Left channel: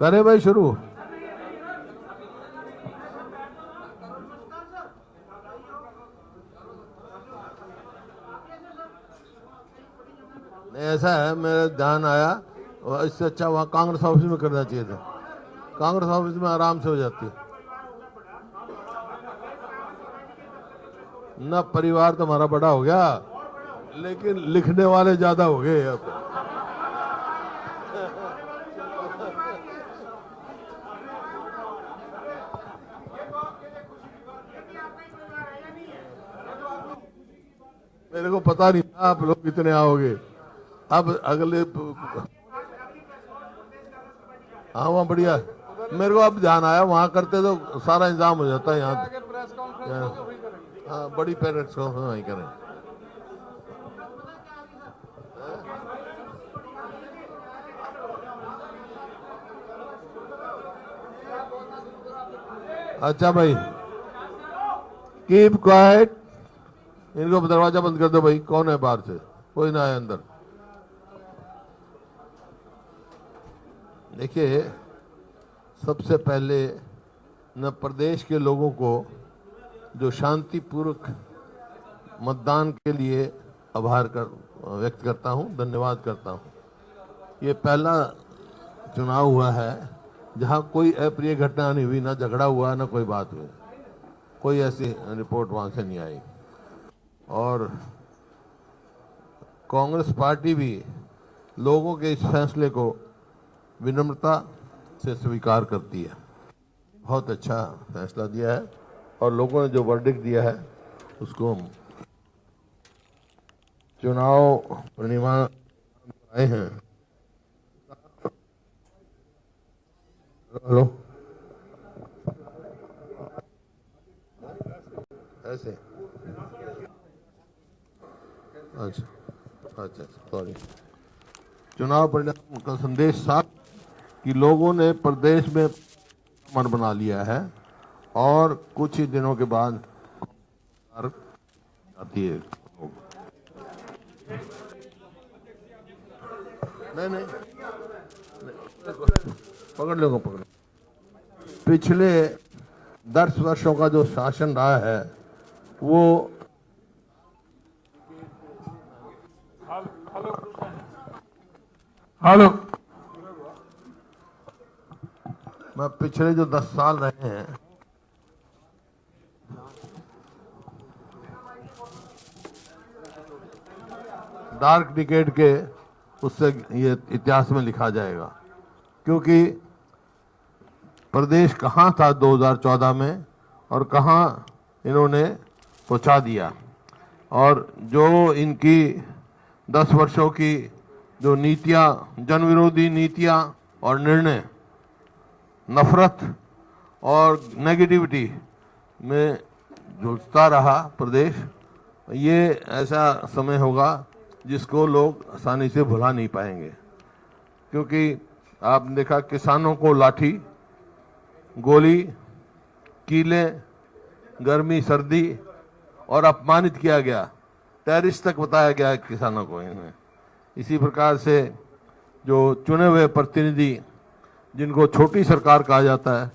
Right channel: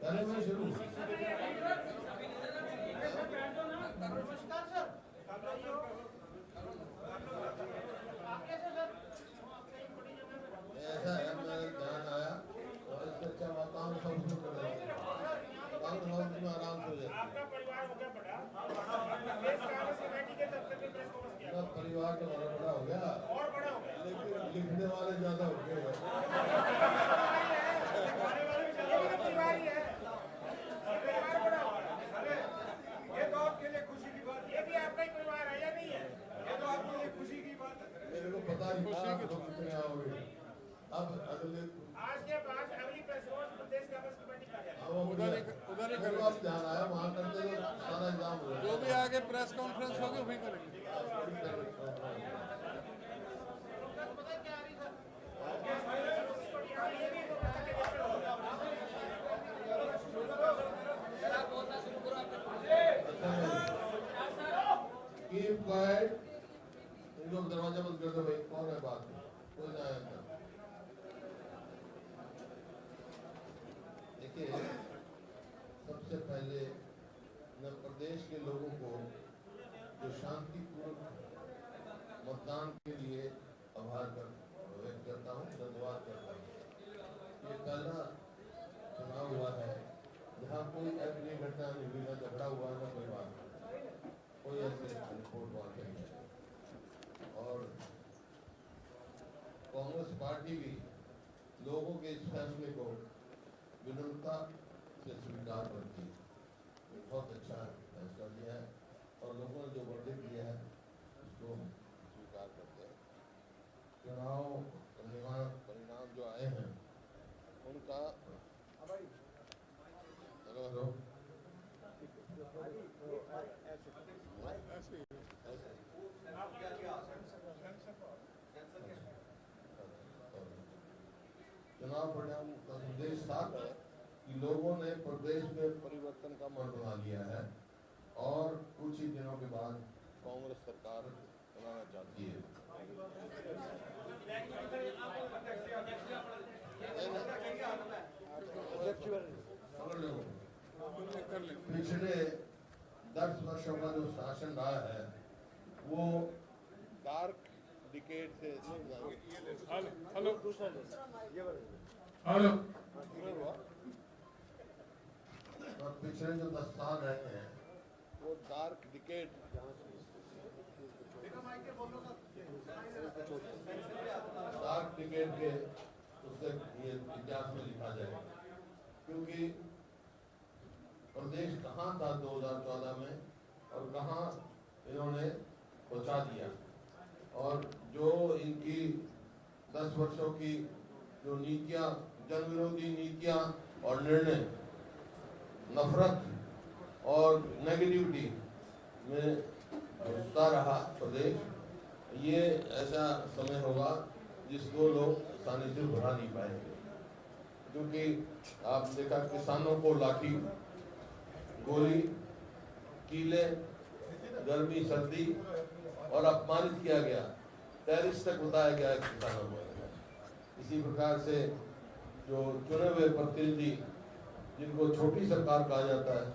करे भाई शुरू। ऐसा है, मेरा ध्यान आया, और इससे अच्छा वहाँ कांग्रेस ऑफिस में करना चाहिए था। कांग्रेस ऑफिस में आराम से हो जाती है ना। परिवार तो हमारा बड़ा हो गया, लेकिन लिखने वाले ज्यादा हो गए अब। मेरे को पता नहीं था आप लोग कितने आओगे। अब अगले, हाँ वहाँ बढ़िया, मेरे को अब ध्यान आया, वहाँ करते तो सारा इंतजाम हो जाता है। यहाँ हाँ बड़ी पेरेंट्स को वहीं करें। अच्छा भाई, कीप क्वाइट। इनको दरवाजा बंद कर दो भाई। कौन है बाहर से? कोई ना आए अंदर। देखिए, सबसे पहले न प्रदेश के लोगों को जो शांतिपूर्वक मतदान के लिए आभार व्यक्त करता हूं, धन्यवाद करता हूं। ये पहला चुनाव हुआ है जहां कोई अप्रिय घटना नहीं हुई, ना झगड़ा हुआ, ना कोई बात हुई, कोई ऐसी रिपोर्ट वहां से नहीं आई। और कांग्रेस पार्टी भी लोगों के इस फैसले को विनम्रता से स्वीकार करती है। बहुत अच्छा फैसला दिया है और लोगों ने जो वर्डिक्ट दिया है उसको हम चुनाव परिणाम जो आए हैं उनका। हेलो, ऐसे अच्छा सॉरी। चुनाव परिणाम का संदेश साफ कि लोगों ने प्रदेश में परिवर्तन का मन बना लिया है और कुछ ही दिनों के बाद कांग्रेस सरकार बनाना चाहती है। नहीं, पकड़ लो। पिछले 10 वर्षों का जो शासन रहा है वो हेलो, मैं पिछले जो 10 साल रहे हैं वो डार्क डिकेड के उससे ये इतिहास में लिखा जाएगा। क्योंकि प्रदेश कहाँ था 2014 में और कहाँ इन्होंने पहुंचा दिया। और जो इनकी 10 वर्षों की जो नीतियां, जन विरोधी नीतियां और निर्णय, नफरत और नेगेटिविटी में जुझता रहा प्रदेश, ये ऐसा समय होगा जिसको लोग आसानी से भुला नहीं पाएंगे। क्योंकि आपने देखा, किसानों को लाठी, गोली, कीले, गर्मी सर्दी और अपमानित किया गया, टेररिस्ट तक बताया गया किसानों को इनमें। इसी प्रकार से जो चुने हुए प्रतिनिधि, जिनको छोटी सरकार कहा जाता है,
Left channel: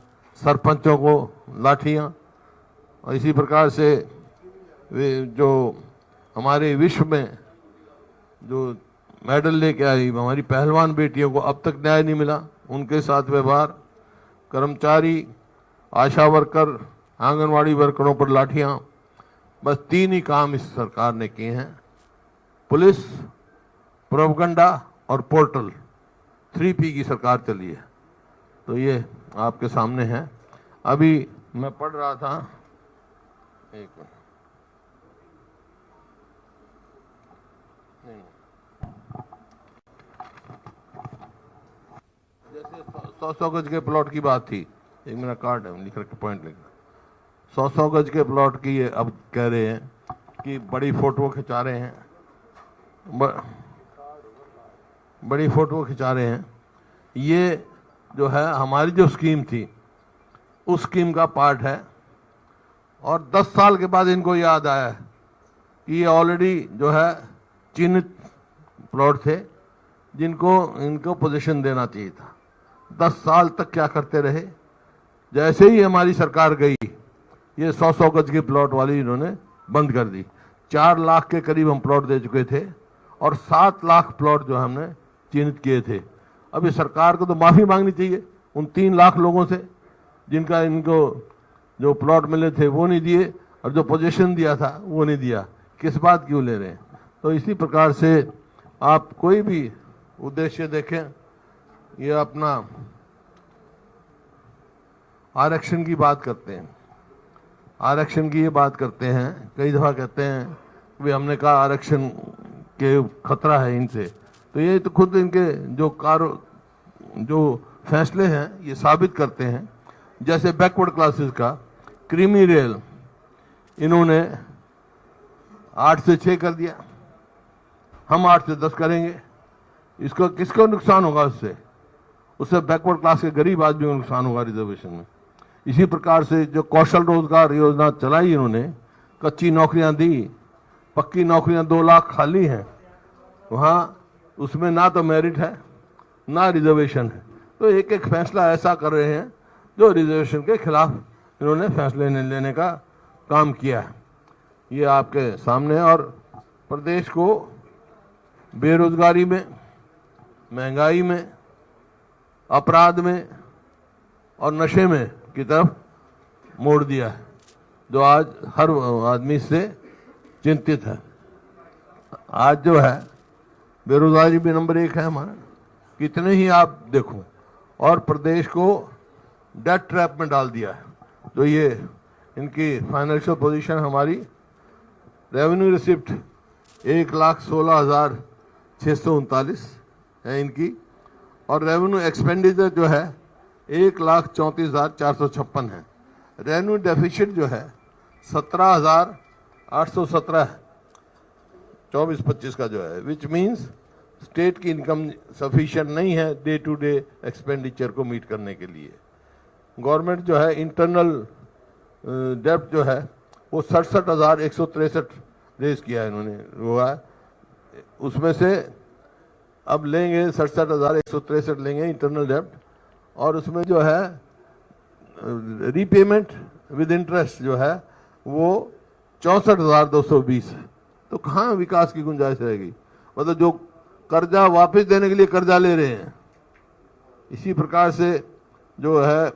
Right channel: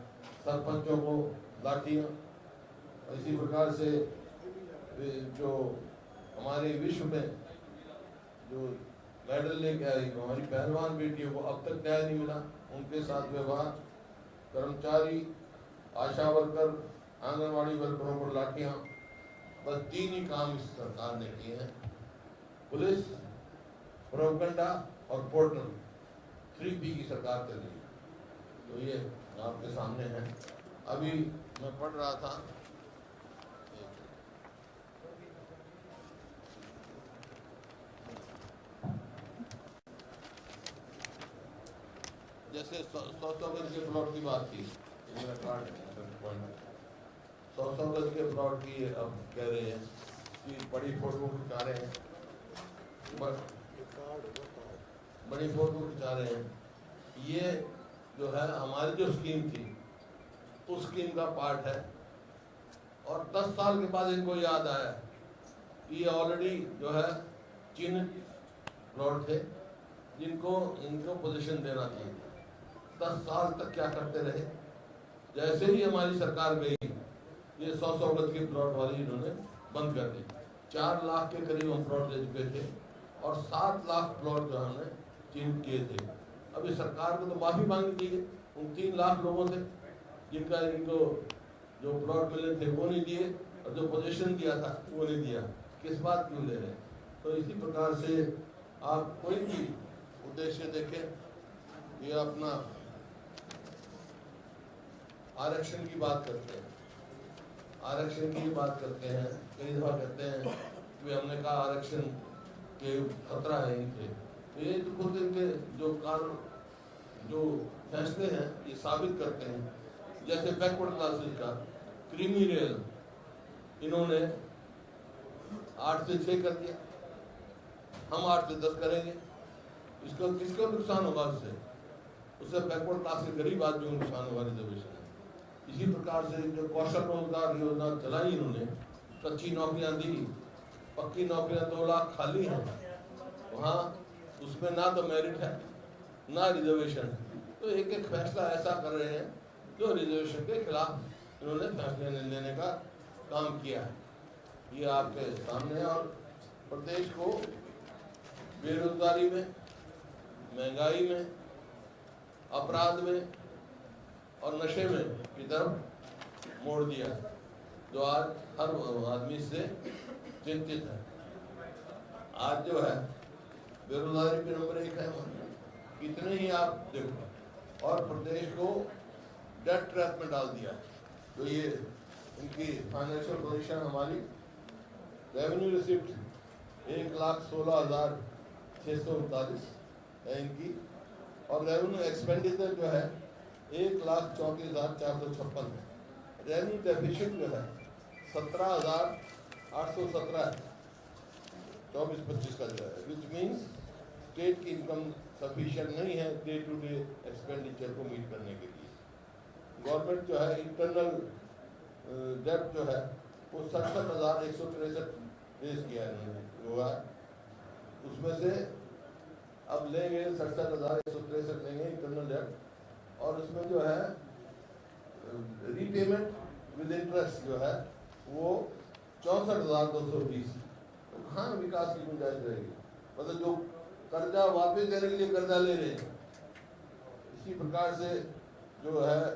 सरपंचों को लाठियां। और इसी प्रकार से जो हमारे विश्व में जो मेडल लेके आई हमारी पहलवान बेटियों को अब तक न्याय नहीं मिला, उनके साथ व्यवहार, कर्मचारी, आशा वर्कर, आंगनवाड़ी वर्करों पर लाठियां। बस 3 ही काम इस सरकार ने किए हैं: पुलिस, प्रोपगंडा और पोर्टल। 3P की सरकार चली है। तो ये आपके सामने है। अभी मैं पढ़ रहा था, एक मिनट, जैसे 100 गज के प्लॉट की बात थी, एक मेरा कार्ड है, लिख रखा पॉइंट लिख, 100 गज के प्लॉट की ये अब कह रहे हैं कि बड़ी फोटो खिंचा रहे हैं, बड़ी फोटो खिंचा रहे हैं। ये जो है हमारी जो स्कीम थी उस स्कीम का पार्ट है। और 10 साल के बाद इनको याद आया कि ये ऑलरेडी जो है चिन्हित प्लॉट थे जिनको इनको पोजीशन देना चाहिए था। 10 साल तक क्या करते रहे। जैसे ही हमारी सरकार गई, ये 100-100 गज के प्लॉट वाली इन्होंने बंद कर दी। 4 लाख के करीब हम प्लॉट दे चुके थे और 7 लाख प्लॉट जो हमने चिन्हित किए थे। अब इस सरकार को तो माफ़ी मांगनी चाहिए उन 3 लाख लोगों से जिनका इनको जो प्लॉट मिले थे वो नहीं दिए और जो पोजीशन दिया था वो नहीं दिया। किस बात क्यों ले रहे हैं? तो इसी प्रकार से आप कोई भी उद्देश्य देखें, ये अपना आरक्षण की बात करते हैं, आरक्षण की ये बात करते हैं, कई दफ़ा कहते हैं भी हमने कहा आरक्षण के खतरा है इनसे। तो ये तो खुद इनके जो फैसले हैं ये साबित करते हैं। जैसे बैकवर्ड क्लासेस का क्रीमी रेल इन्होंने 8 से 6 कर दिया, हम 8 से 10 करेंगे। इसको किसको नुकसान होगा? उससे बैकवर्ड क्लास के गरीब आदमी को नुकसान होगा रिजर्वेशन में। इसी प्रकार से जो कौशल रोजगार योजना चलाई इन्होंने, कच्ची नौकरियां दी, पक्की नौकरियां 2 लाख खाली हैं, वहाँ उसमें ना तो मेरिट है ना रिजर्वेशन है। तो एक एक फैसला ऐसा कर रहे हैं जो रिजर्वेशन के खिलाफ इन्होंने फैसले लेने का काम किया है। ये आपके सामने। और प्रदेश को बेरोजगारी में, महंगाई में, अपराध में और नशे में की तरफ मोड़ दिया है, जो आज हर आदमी से चिंतित है। आज जो है बेरोजगारी भी नंबर 1 है हमारा, कितने ही आप देखो, और प्रदेश को डेट ट्रैप में डाल दिया है। तो ये इनकी फाइनेंशियल पोजीशन हमारी, रेवेन्यू रिसिप्ट 1,16,639 है इनकी, और रेवेन्यू एक्सपेंडिचर जो है 1,34,456 है। रेवेन्यू डेफिसिट जो है 17,817 है 24-25 का जो है, विच मीन्स स्टेट की इनकम सफिशिएंट नहीं है डे टू डे एक्सपेंडिचर को मीट करने के लिए। गवर्नमेंट जो है इंटरनल डेब्ट जो है वो 67,163 रेज किया है इन्होंने, हुआ है। उसमें से अब लेंगे 67,163 लेंगे इंटरनल डेब्ट, और उसमें जो है रीपेमेंट विद इंटरेस्ट जो है वो 64,220 है। तो कहाँ विकास की गुंजाइश रहेगी? मतलब जो कर्जा वापस देने के लिए कर्जा ले रहे हैं। इसी प्रकार से जो है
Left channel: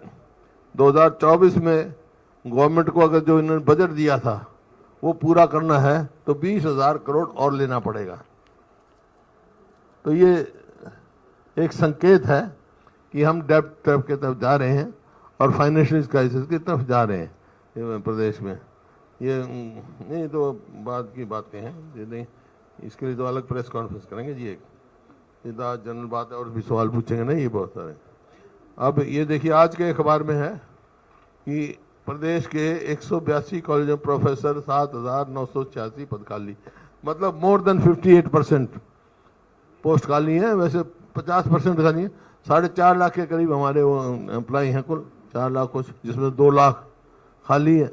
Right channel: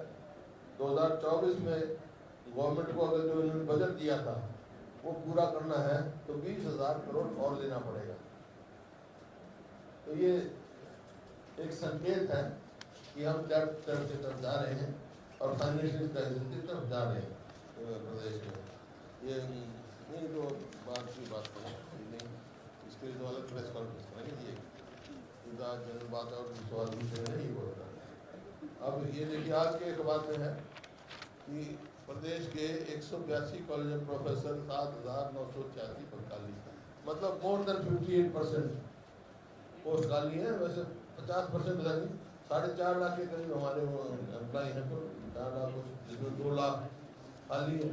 2024 में गवर्नमेंट को अगर जो इन्होंने बजट दिया था वो पूरा करना है तो 20,000 करोड़ और लेना पड़ेगा। तो ये एक संकेत है कि हम डेब्ट ट्रैप की तरफ जा रहे हैं और फाइनेंशियल क्राइसिस की तरफ जा रहे हैं प्रदेश में। ये नहीं तो बाद की बातें हैं, ये नहीं, इसके लिए तो अलग प्रेस कॉन्फ्रेंस करेंगे जी। एक सीधा जनरल बात है और भी सवाल पूछेंगे नहीं, ये बहुत सारे। अब ये देखिए आज के अखबार में है कि प्रदेश के 182 कॉलेज में प्रोफेसर 7,986 पद खाली, मतलब मोर देन 58% पोस्ट खाली है। वैसे 50% खाली है। 4.5 लाख के करीब हमारे वो एम्प्लॉय हैं कुल, 4 लाख कुछ, जिसमें 2 लाख खाली है,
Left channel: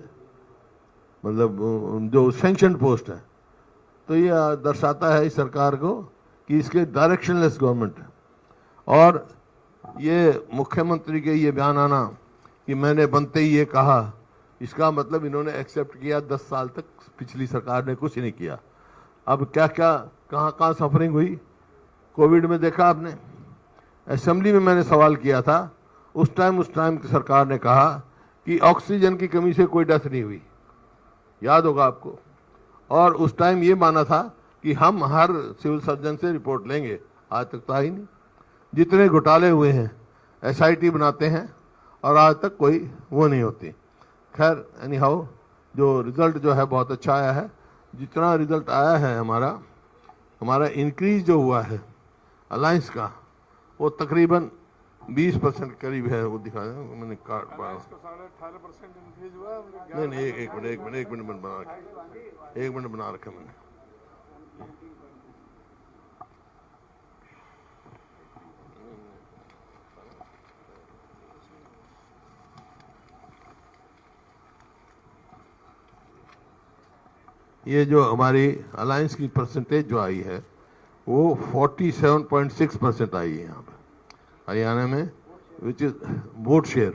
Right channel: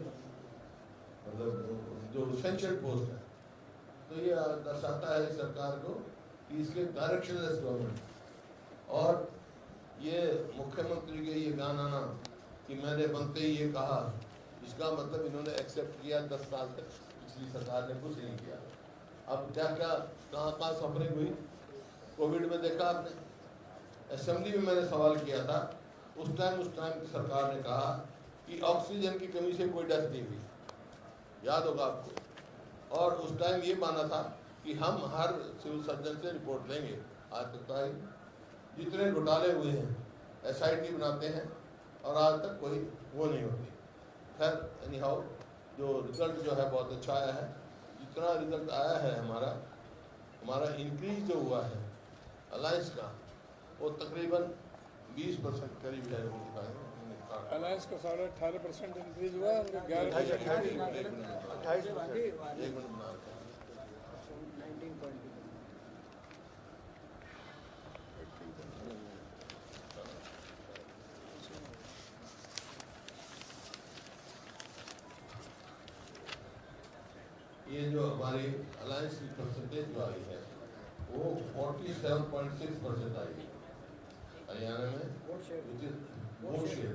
मतलब जो सैंक्शन पोस्ट है। तो ये दर्शाता है इस सरकार को कि इसके डायरेक्शनलेस गवर्नमेंट है। और ये मुख्यमंत्री के ये बयान आना कि मैंने बनते ही ये कहा, इसका मतलब इन्होंने एक्सेप्ट किया 10 साल तक पिछली सरकार ने कुछ नहीं किया। अब क्या क्या कहाँ सफरिंग हुई कोविड में देखा आपने। असेंबली में मैंने सवाल किया था, उस टाइम की सरकार ने कहा कि ऑक्सीजन की कमी से कोई डेथ नहीं हुई, याद होगा आपको। और उस टाइम ये माना था कि हम हर सिविल सर्जन से रिपोर्ट लेंगे, आज तक तो आई नहीं। जितने घोटाले हुए हैं SIT बनाते हैं और आज तक कोई वो नहीं होती। खैर एनी हाउ, जो रिज़ल्ट जो है बहुत अच्छा आया है। जितना रिज़ल्ट आया है हमारा इंक्रीज जो हुआ है अलायंस का, वो तकरीबन 20% के करीब है। वो दिखा दें, मैंने कार्ड पढ़ा। अलायंस का 18% इंक्रीज हुआ है। नहीं, एक मिनट बना रखा मैंने। ये जो हमारी अलायंस की परसेंटेज जो आई है वो 47.6% आई है यहाँ पर। हरियाणा में which is vote share,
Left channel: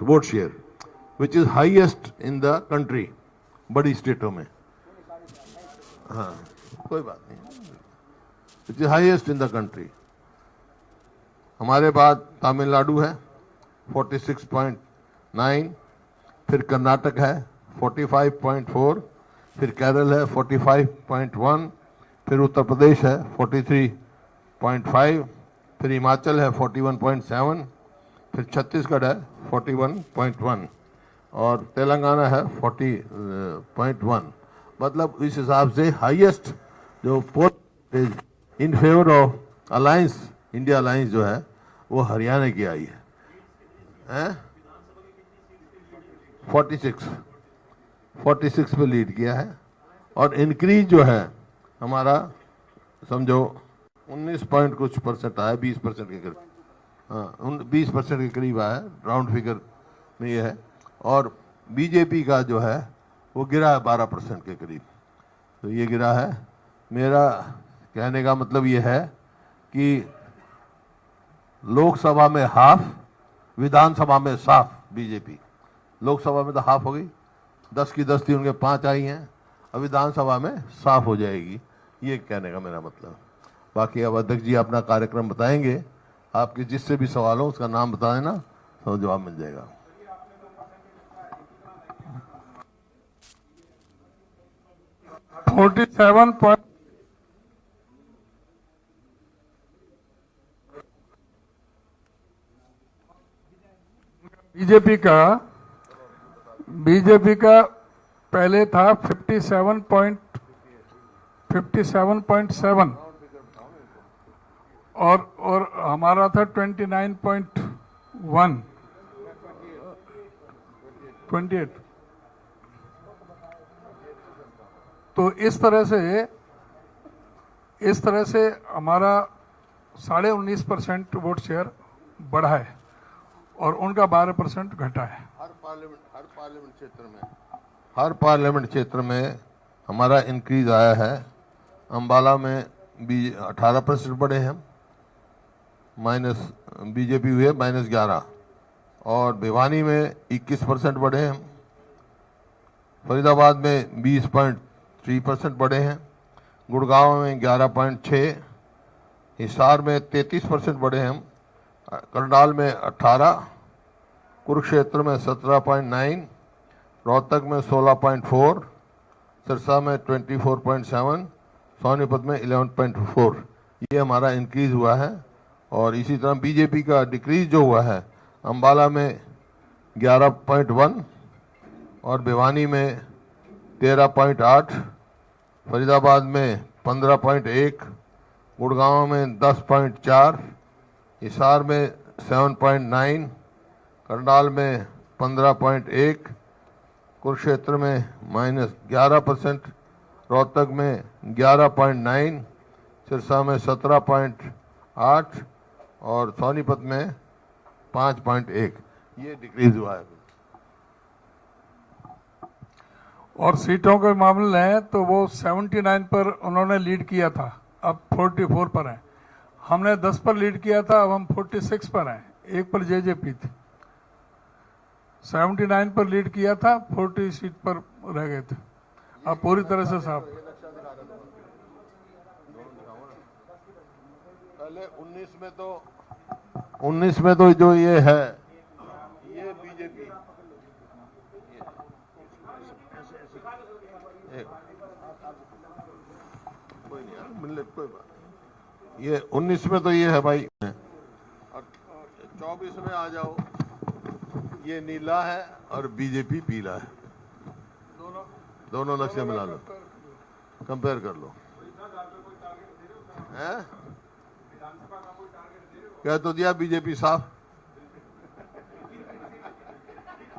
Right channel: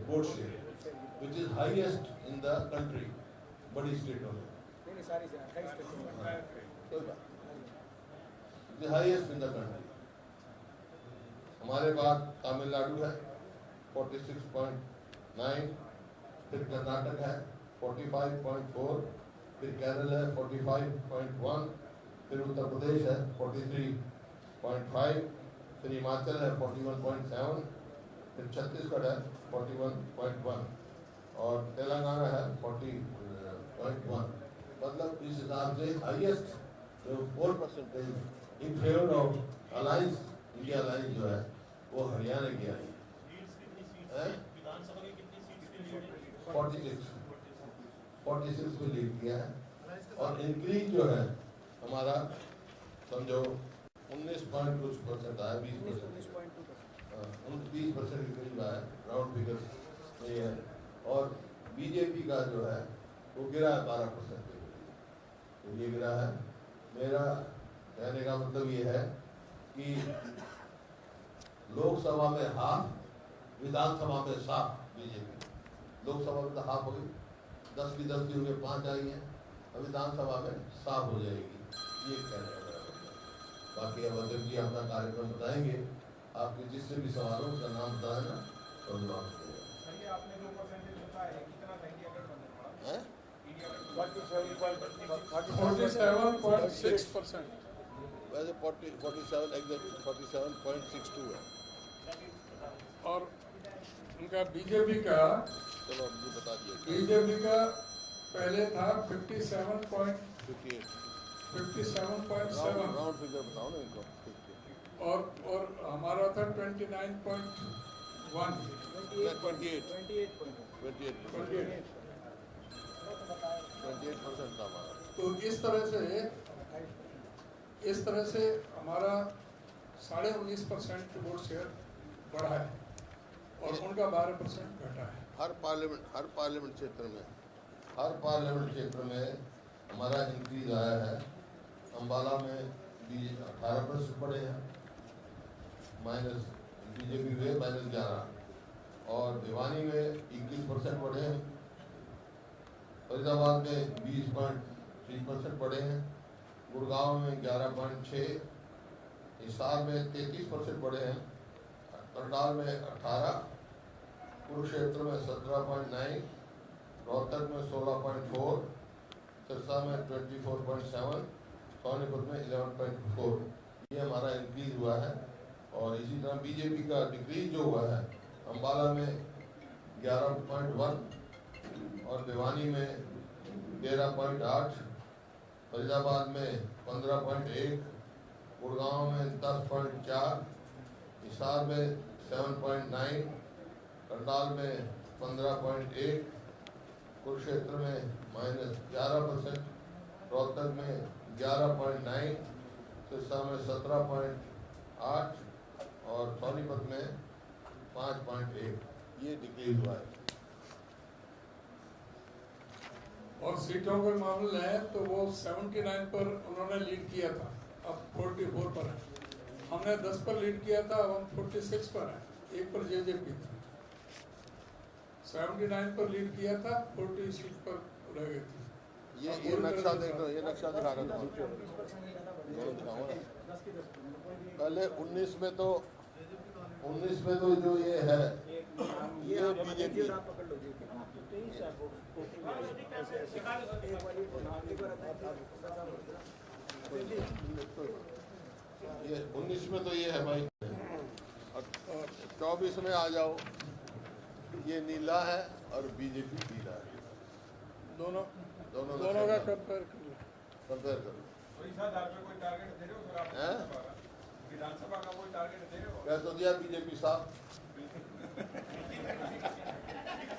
which is highest in the country, बड़ी स्टेटों में. हाँ, कोई बात नहीं. Which is highest in the country. हमारे बाद तमिलनाडु है 46.9, फिर कर्नाटक है 45.4, फिर केरल है 45.1, फिर उत्तर प्रदेश है 43.5, फिर हिमाचल है 41.7, फिर छत्तीसगढ़ है 41.1 और तेलंगाना है 40.1. मतलब इस हिसाब से हाईएस्ट जो poll percentage in favour of alliance, India alliance जो है वो हरियाणा की आई है. 46 पे लीड किया है. और इंक्रीज जो है हमारा समझो 19 पॉइंट कुछ परसेंट आया, 20% के करीब. हाँ, 20% के करीब आया, राउंड फिगर में ये है. और बीजेपी का जो है वो गिरा है 12% के करीब. तो ये गिरा है. मेरा कहने का मतलब ये है कि लोकसभा में हाफ, विधानसभा में साफ बीजेपी. लोकसभा में तो हाफ हो गई, 10 की 10 थी, उनके 5 आई हैं. अब विधानसभा में साफ हो जाएगी, ये कहने का मेरा मतलब. बाकी अब अध्यक्ष जी अपना कार्यक्रम बताएंगे. आपके जिससे भी सवाल हो उसका नाम बता देना, तो जवाब मिल जाएगा. 47.6%. वैसे 47 एग्जैक्टली 47.62 है. और उनका बीजेपी का पहले था 57.7 और हमारा था 29.1 28. तो इस तरह से हमारा 19.5% वोट शेयर बढ़ा है और उनका 12% घटा है. हर पार्लियामेंट क्षेत्र में हमारा इंक्रीज आया है. अंबाला में 18% बढ़े हैं, माइनस बीजेपी हुए -11. और भिवानी में 21% बढ़े हैं. फरीदाबाद में 20.3% बढ़े हैं. गुड़गांव में 11.6, हिसार में 33% बढ़े हैं. करनाल में 18, कुरुक्षेत्र में 17.9, रोहतक में 16.4, सिरसा में 24.7, सोनीपत में 11.4. ये हमारा इंक्रीज हुआ है. और इसी तरह बीजेपी का डिक्रीज जो हुआ है, अंबाला में 11.1 और भिवानी में 13.8, फरीदाबाद में 15.1, गुड़गांव में 10.4, हिसार में 7.9, करनाल में 15.1, कुरुक्षेत्र में -11%, रोहतक में 11.9, सिरसा में 17.8 और सोनीपत में 5.1. ये डिक्रीज हुआ है. और सीटों के मामले में तो वो 79 पर उन्होंने लीड किया था, अब 44 पर हैं. हमने 10 पर लीड किया था, अब हम 46 पर हैं. 1 पर जेजेपी थी. 79 पर लीड किया था, 40 सीट पर रह गए थे. अब पूरी तरह से साफ. पहले 19 में तो जो ये है, ये बीजेपी ये 19 में तो ये है भाई. 24 में आ जाओ, ये नीला है और बीजेपी पीला है. दोनों नक्शे बना लो, कंपेयर कर लो. कह तो दिया बीजेपी साफ.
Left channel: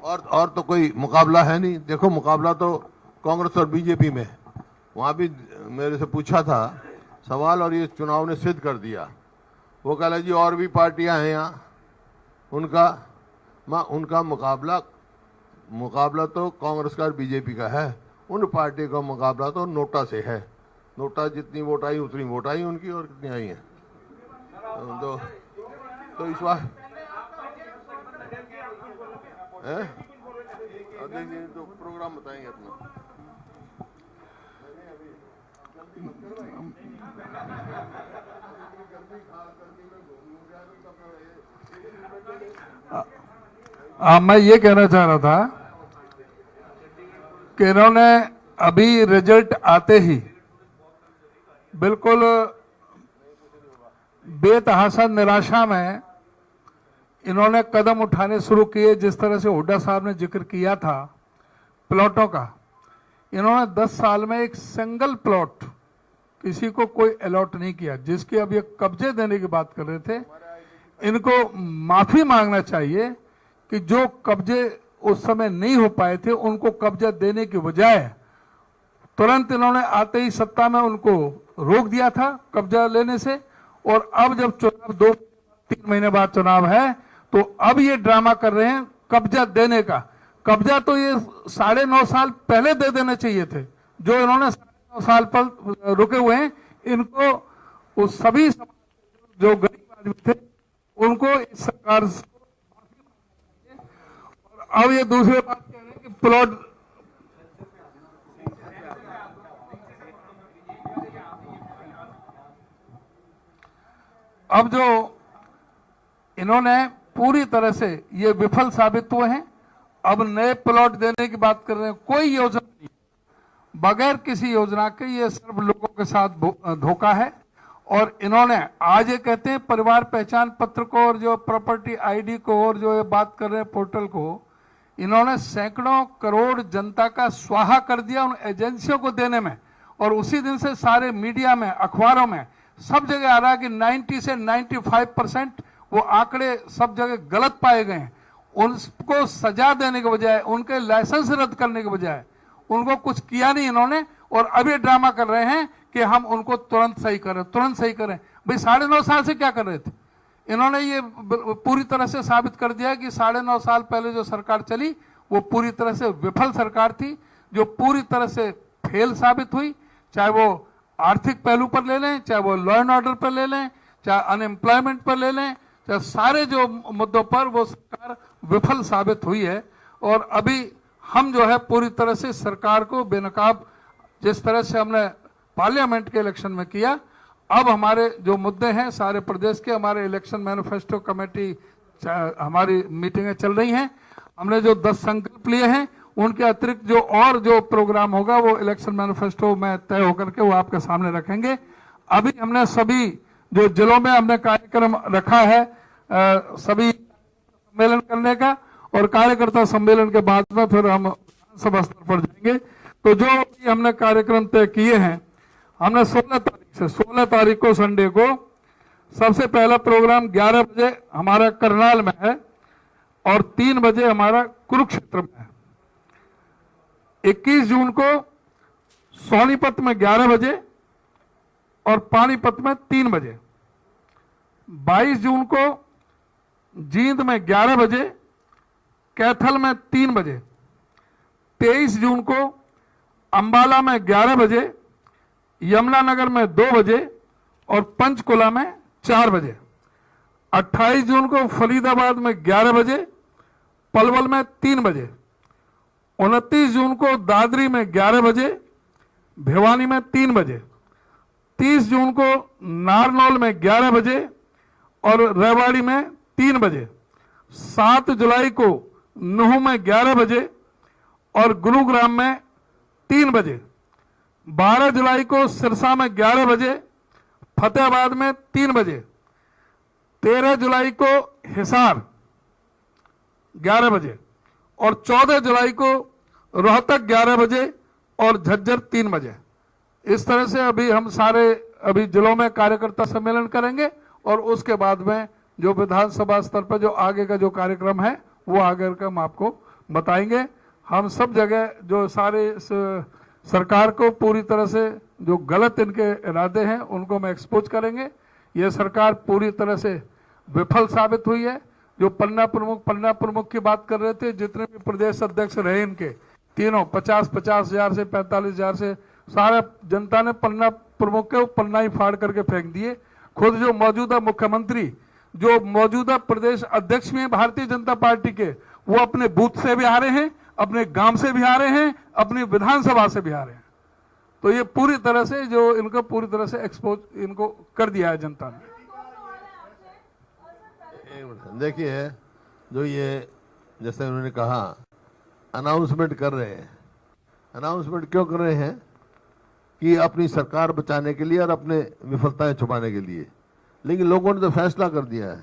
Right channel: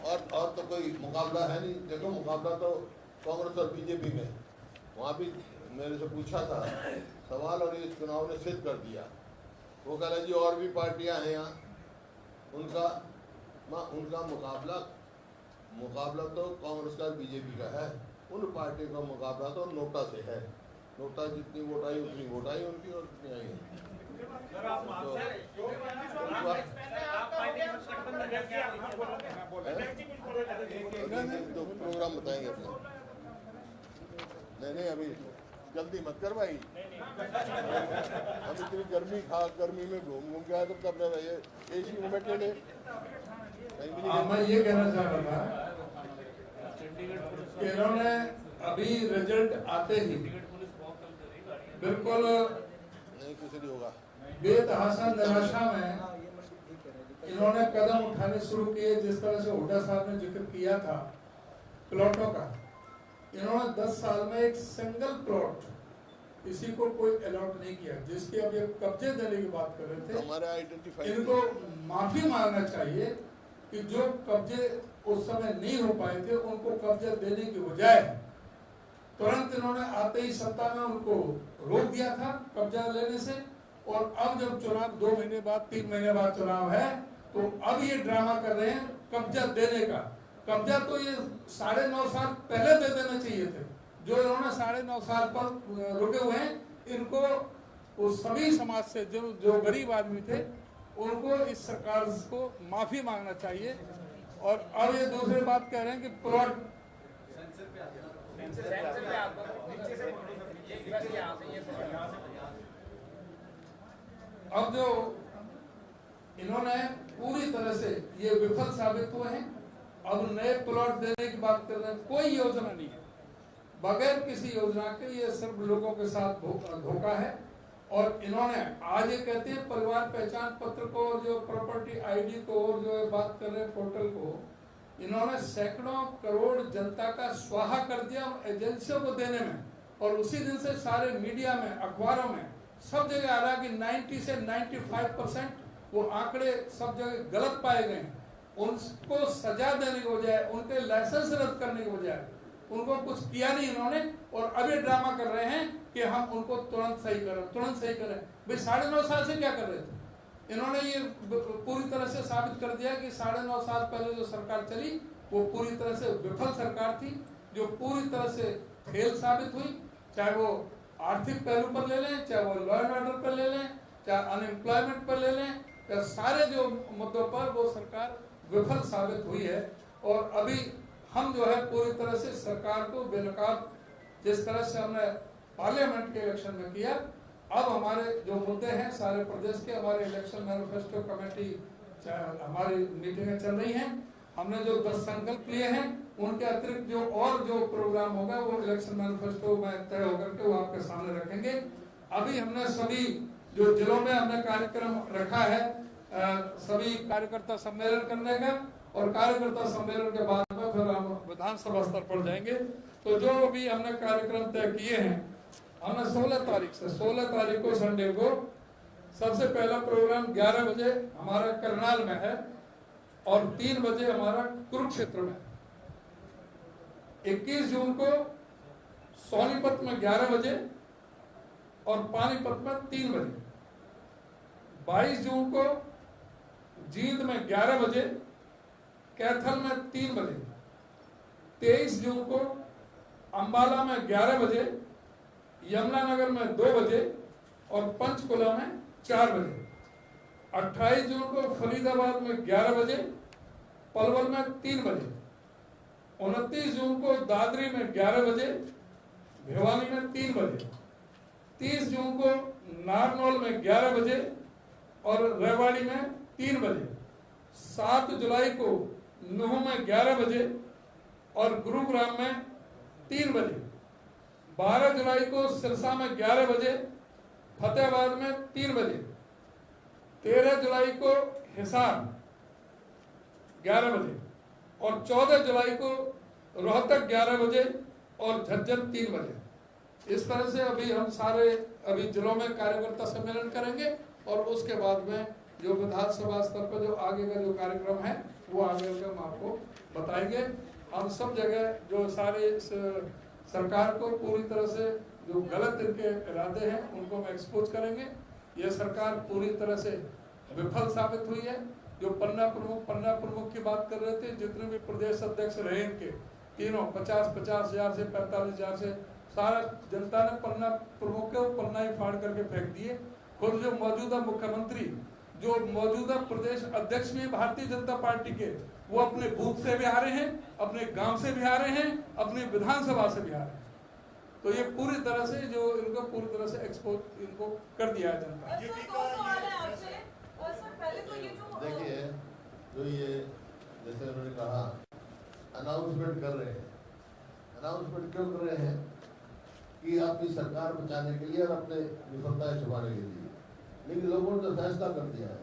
और तो कोई मुकाबला है नहीं. देखो मुकाबला तो कांग्रेस और बीजेपी में. वहाँ भी मेरे से पूछा था सवाल और ये चुनाव ने सिद्ध कर दिया. वो कह रहे जी और भी पार्टियां हैं यहाँ, उनका मुकाबला तो कांग्रेस का और बीजेपी का है. उन पार्टी का मुकाबला तो नोटा से है. नोटा जितनी वोट आई उतनी वोट आई उनकी, और कितनी आई है. तो इस बार तो प्रोग्राम बताएंगे अपना। नहीं अभी जल्दी मत कर भाई, इतनी गर्मी में घूम के आया तो तब ये एसी में बैठ ले। मैं ये कहना चाह रहा था कि इन्होंने अभी रिजल्ट आते ही बिल्कुल बेतहाशा निराशा में इन्होंने कदम उठाने शुरू किए। जिस तरह से हुड्डा साहब ने जिक्र किया था प्लॉटों का, इन्होंने 10 साल में एक सिंगल प्लॉट किसी को कोई अलॉट नहीं किया। जिसकी अब ये कब्जे देने की बात कर रहे थे, इनको माफी मांगना चाहिए कि जो कब्जे उस समय नहीं हो पाए थे उनको कब्जा देने की बजाय तुरंत इन्होंने आते ही सत्ता में उनको रोक दिया था कब्जा लेने से। और अब जब चुनाव 2 महीने बाद 3 महीने बाद चुनाव है तो अब ये ड्रामा कर रहे हैं कब्जा देने का। कब्जा तो ये 9.5 साल पहले दे देने चाहिए थे। जो इन्होंने 9.5 साल पर रुके हुए हैं, इनको उस सभी समाज से जो गरीब आदमी थे उनको इस सरकार को माफी मांगना चाहिए। और अब ये दूसरी बात कह रहे हैं कि प्लॉट अब जो इन्होंने पूरी तरह से ये विफल साबित हुए हैं। अब नए प्लॉट देने की बात कर रहे हैं, कोई योजना नहीं है, बगैर किसी योजना के ये सिर्फ लोगों के साथ धोखा है। और इन्होंने आज ये कहते हैं परिवार पहचान पत्र को और जो प्रॉपर्टी आईडी को और जो ये बात कर रहे हैं पोर्टल को, इन्होंने सैकड़ों करोड़ जनता का स्वाहा कर दिया उन एजेंसियों को देने में। और उसी दिन से सारे मीडिया में, अखबारों में, सब जगह आ रहा है कि 90 से 95% वो आंकड़े सब जगह गलत पाए गए हैं। उनको सजा देने के बजाय, उनके लाइसेंस रद्द करने के बजाय उनको कुछ किया नहीं इन्होंने। और अभी ड्रामा कर रहे हैं कि हम उनको तुरंत सही करें, तुरंत सही करें। भाई 9.5 साल से क्या कर रहे थे इन्होंने? ये पूरी तरह से साबित कर दिया कि 9.5 साल पहले जो सरकार चली वो पूरी तरह से विफल सरकार थी, जो पूरी तरह से फेल साबित हुई। चाहे वो आर्थिक पहलू पर ले लें, चाहे वो लॉ एंड ऑर्डर पर ले लें, चाहे अनएम्प्लॉयमेंट पर ले लें, चाहे सारे जो मुद्दों पर वो सरकार विफल साबित हुई है। और अभी हम जो है पूरी तरह से सरकार को बेनकाब, जिस तरह से हमने पार्लियामेंट के इलेक्शन में किया, अब हमारे जो मुद्दे हैं सारे प्रदेश के, हमारे इलेक्शन मैनिफेस्टो कमेटी हमारी मीटिंगें चल रही हैं। हमने जो 10 संकल्प लिए हैं उनके अतिरिक्त जो और जो प्रोग्राम होगा वो इलेक्शन मैनिफेस्टो में तय होकर के वो आपके सामने रखेंगे। अभी हमने सभी जो जिलों में हमने कार्यक्रम रखा है सभी कार्यकर्ता सम्मेलन करने का, और कार्यकर्ता सम्मेलन के बाद में फिर हम विधानसभा स्तर पर जाएंगे। तो जो भी हमने कार्यक्रम तय किए हैं, हमने 16 तारीख को संडे को सबसे पहला प्रोग्राम 11 बजे हमारा करनाल में है और 3 बजे हमारा कुरुक्षेत्र में है। 21 जून को सोनीपत में 11 बजे और पानीपत में 3 बजे। 22 जून को जींद में 11 बजे, कैथल में 3 बजे। 23 जून को अंबाला में 11 बजे, यमुनानगर में 2 बजे और पंचकुला में 4 बजे। 28 जून को फरीदाबाद में 11 बजे, पलवल में 3 बजे। 29 जून को दादरी में 11 बजे, भिवानी में 3 बजे। 30 जून को नारनौल में 11 बजे और रेवाड़ी में 3 बजे। 7 जुलाई को नुह में 11 बजे और गुरुग्राम में 3 बजे। 12 जुलाई को सिरसा में 11 बजे, फतेहाबाद में 3 बजे। 13 जुलाई को हिसार 11 बजे और 14 जुलाई को रोहतक 11 बजे और झज्जर 3 बजे। इस तरह से अभी हम सारे जिलों में कार्यकर्ता सम्मेलन करेंगे और उसके बाद में जो विधानसभा स्तर पर जो आगे का जो कार्यक्रम है वो आगे का हम आपको बताएंगे। हम सब जगह जो सारे सरकार को पूरी तरह से जो गलत इनके इरादे हैं उनको हम एक्सपोज करेंगे। ये सरकार पूरी तरह से विफल साबित हुई है। जो पन्ना प्रमुख की बात कर रहे थे, जितने भी प्रदेश अध्यक्ष रहे इनके तीनों 50-50 हजार से 45 हजार से, सारा जनता ने पन्ना प्रमुख के पन्ना ही फाड़ करके फेंक दिए। खुद जो मौजूदा मुख्यमंत्री, जो मौजूदा प्रदेश अध्यक्ष में भारतीय जनता पार्टी के, वो अपने बूथ से भी आ रहे हैं, अपने गांव से भी आ रहे हैं, अपनी विधानसभा से भी आ रहे हैं। तो ये पूरी तरह से जो इनको पूरी तरह से एक्सपोज इनको कर दिया है जनता ने। देखिए, जो ये जैसे उन्होंने कहा अनाउंसमेंट कर रहे हैं, अनाउंसमेंट क्यों कर रहे हैं कि अपनी सरकार बचाने के लिए और अपने विफलताएं छुपाने के लिए। लेकिन लोगों ने तो फैसला कर दिया है,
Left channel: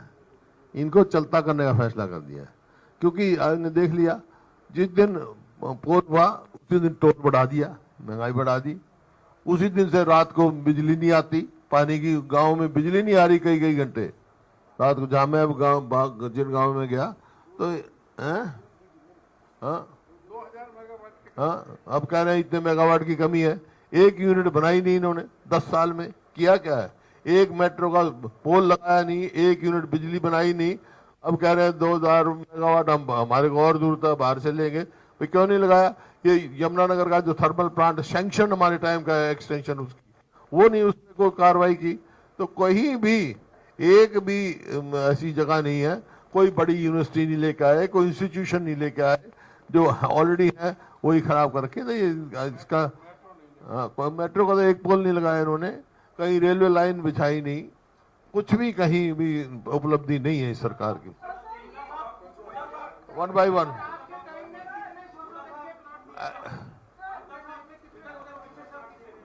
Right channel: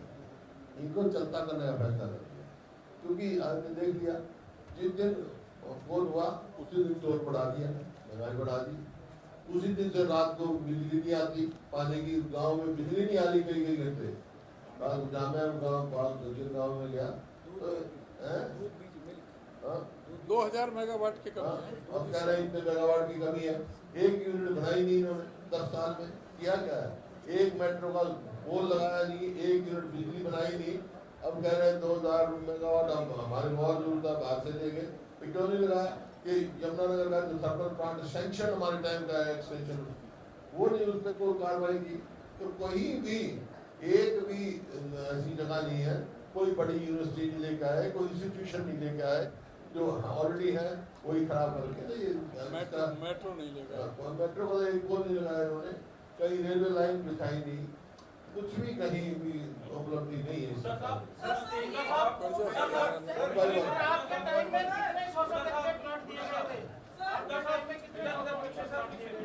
इनको चलता करने का फैसला कर दिया है। क्योंकि आपने देख लिया, जिस दिन पोल हुआ उसी दिन टोल बढ़ा दिया, महंगाई बढ़ा दी। उसी दिन से रात को बिजली नहीं आती, पानी की गांव में बिजली नहीं आ रही कई कई घंटे रात को। जहाँ मैं गाँव जिन गाँव में गया तो 2000 मेगावाट के अब कह रहे हैं इतने मेगावाट की कमी है। एक यूनिट बनाई नहीं इन्होंने 10 साल में। किया क्या है, एक मेट्रो का पोल लगाया नहीं, एक यूनिट बिजली बनाई नहीं। अब कह रहे हैं 2000 मेगावाट हम हमारे को और दूर तक बाहर से लेंगे। तो क्यों नहीं लगाया? ये यमुनानगर का जो थर्मल प्लांट सैंक्शन हमारे टाइम का है, एक्सटेंशन उसकी, वो नहीं उसने कोई कार्रवाई की। तो कहीं भी एक भी ऐसी जगह नहीं है, कोई बड़ी यूनिवर्सिटी नहीं लेके आए, कोई इंस्टीट्यूशन नहीं लेके आए, जो ऑलरेडी है वही खराब करके। तो ये इसका मेट्रो का तो एक पोल नहीं लगाया इन्होंने, कहीं रेलवे लाइन बिछाई नहीं, कुछ भी कहीं भी उपलब्धि नहीं है इस सरकार की। 1 by 1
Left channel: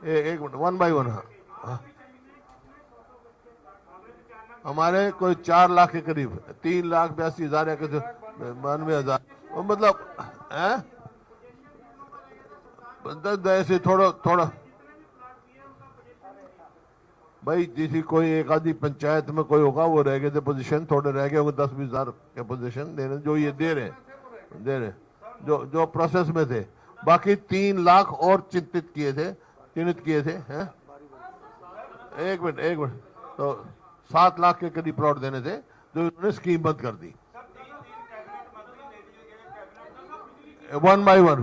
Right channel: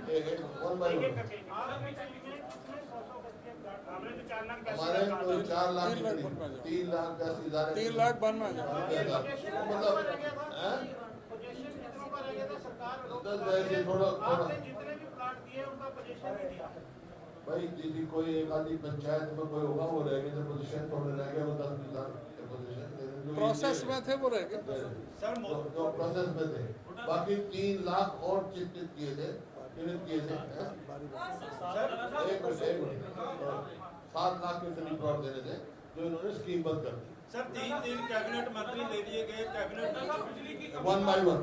एक मिनट, 1 by 1 हमारे कोई 4 लाख के करीब, 3,82,000 या 92,000 मतलब है। ऐसे थोड़ा थोड़ा भाई, जिसी कोई एक आधी पंचायत में कोई होगा वो रह गए थे पोजीशन, थोड़े रह गए होंगे 10-20 हजार के पोजीशन देने, जो ये दे रहे जो प्रोसेस में थे। बाकी 3 लाख और चिन्हित किए थे हैं? एक मिनट तो 7 लाख के करीब प्लॉट देने थे जो इन्होंने स्कीम बंद कर दी। 1 by 1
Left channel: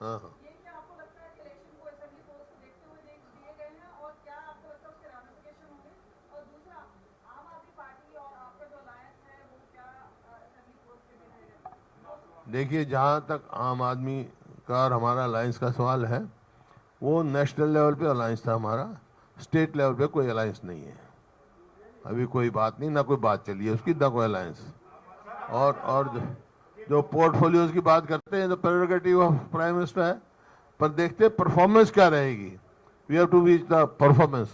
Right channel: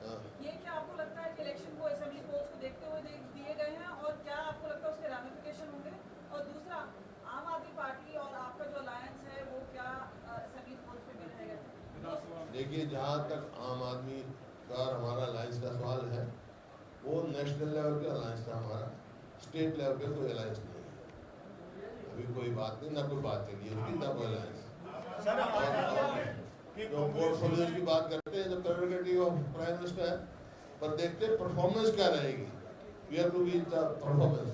ये क्या आपको लगता है कि इलेक्शन को असेंबली पोल्स को देखते हुए दिए गए हैं, और क्या आपको लगता है उसके रैमिफिकेशन होंगे? और दूसरा, आम आदमी पार्टी और आपका जो अलायंस है वो क्या असेंबली पोल्स पे भी रहेगा? देखिए, जहाँ तक आम आदमी का और हमारा अलायंस का सवाल है, वो नेशनल लेवल पे अलायंस था हमारा, स्टेट लेवल पे कोई अलायंस नहीं है। अभी कोई बात नहीं, ना कोई बात चली है उसकी, ना कोई अलायंस। और जो पोर्टफोलियोज की बात करते हैं, तो प्रेरोगेटिव ऑफ प्राइम मिनिस्टर है, पर देखते परफॉर्मेंस क्या रहेगी। We have to reach the performance.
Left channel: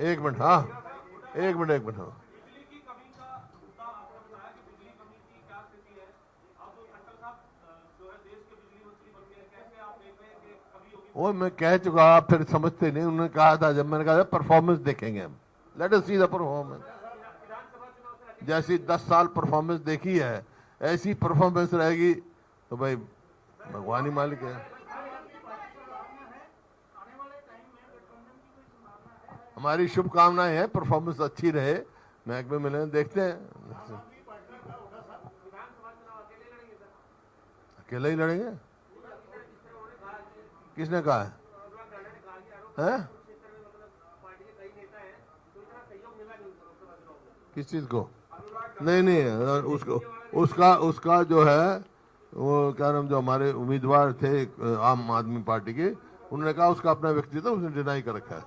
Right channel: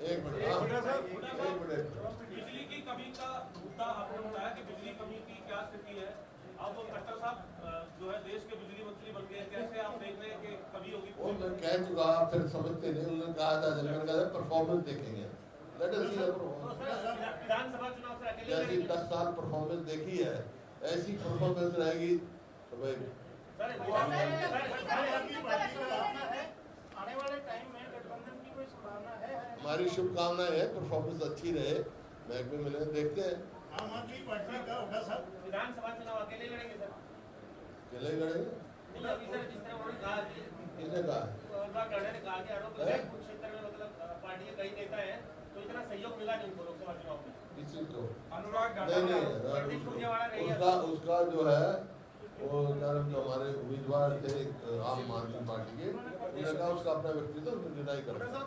एक मिनट हाँ। बिजली की कमी का मुद्दा आपने बताया कि बिजली कमी की क्या स्थिति है। अब खट्टर साहब जो है देश के बिजली मंत्री बन गए, कैसे आप देख रहे हैं कि कमी होगी? वो मैं कह चुका, आप फिर समझते नहीं। उन्होंने कहा था, जब मैंने कहा परफॉर्मेंस देखेंगे हम, let us see the performance. जैसी 10 साल परफॉर्मेंस देखी है, ऐसी परफॉर्मेंस रहेगी तो भाई भगवान ही मालिक है। हमारी शुभकामनाएं हैं, परफॉर्मेंस अच्छी रहे, महकमे मिले, देखते हैं। अकेले ही लड़ेंगे? किसने कहा है? किस चीज को? नहीं, उसका जो है वो क्या नाम, जो हमारे उम्मीदवार थे आम आदमी पार्टी के, उन्होंने कहा उसका अपना व्यक्तित्व, उसने डिनाई कर रखा है।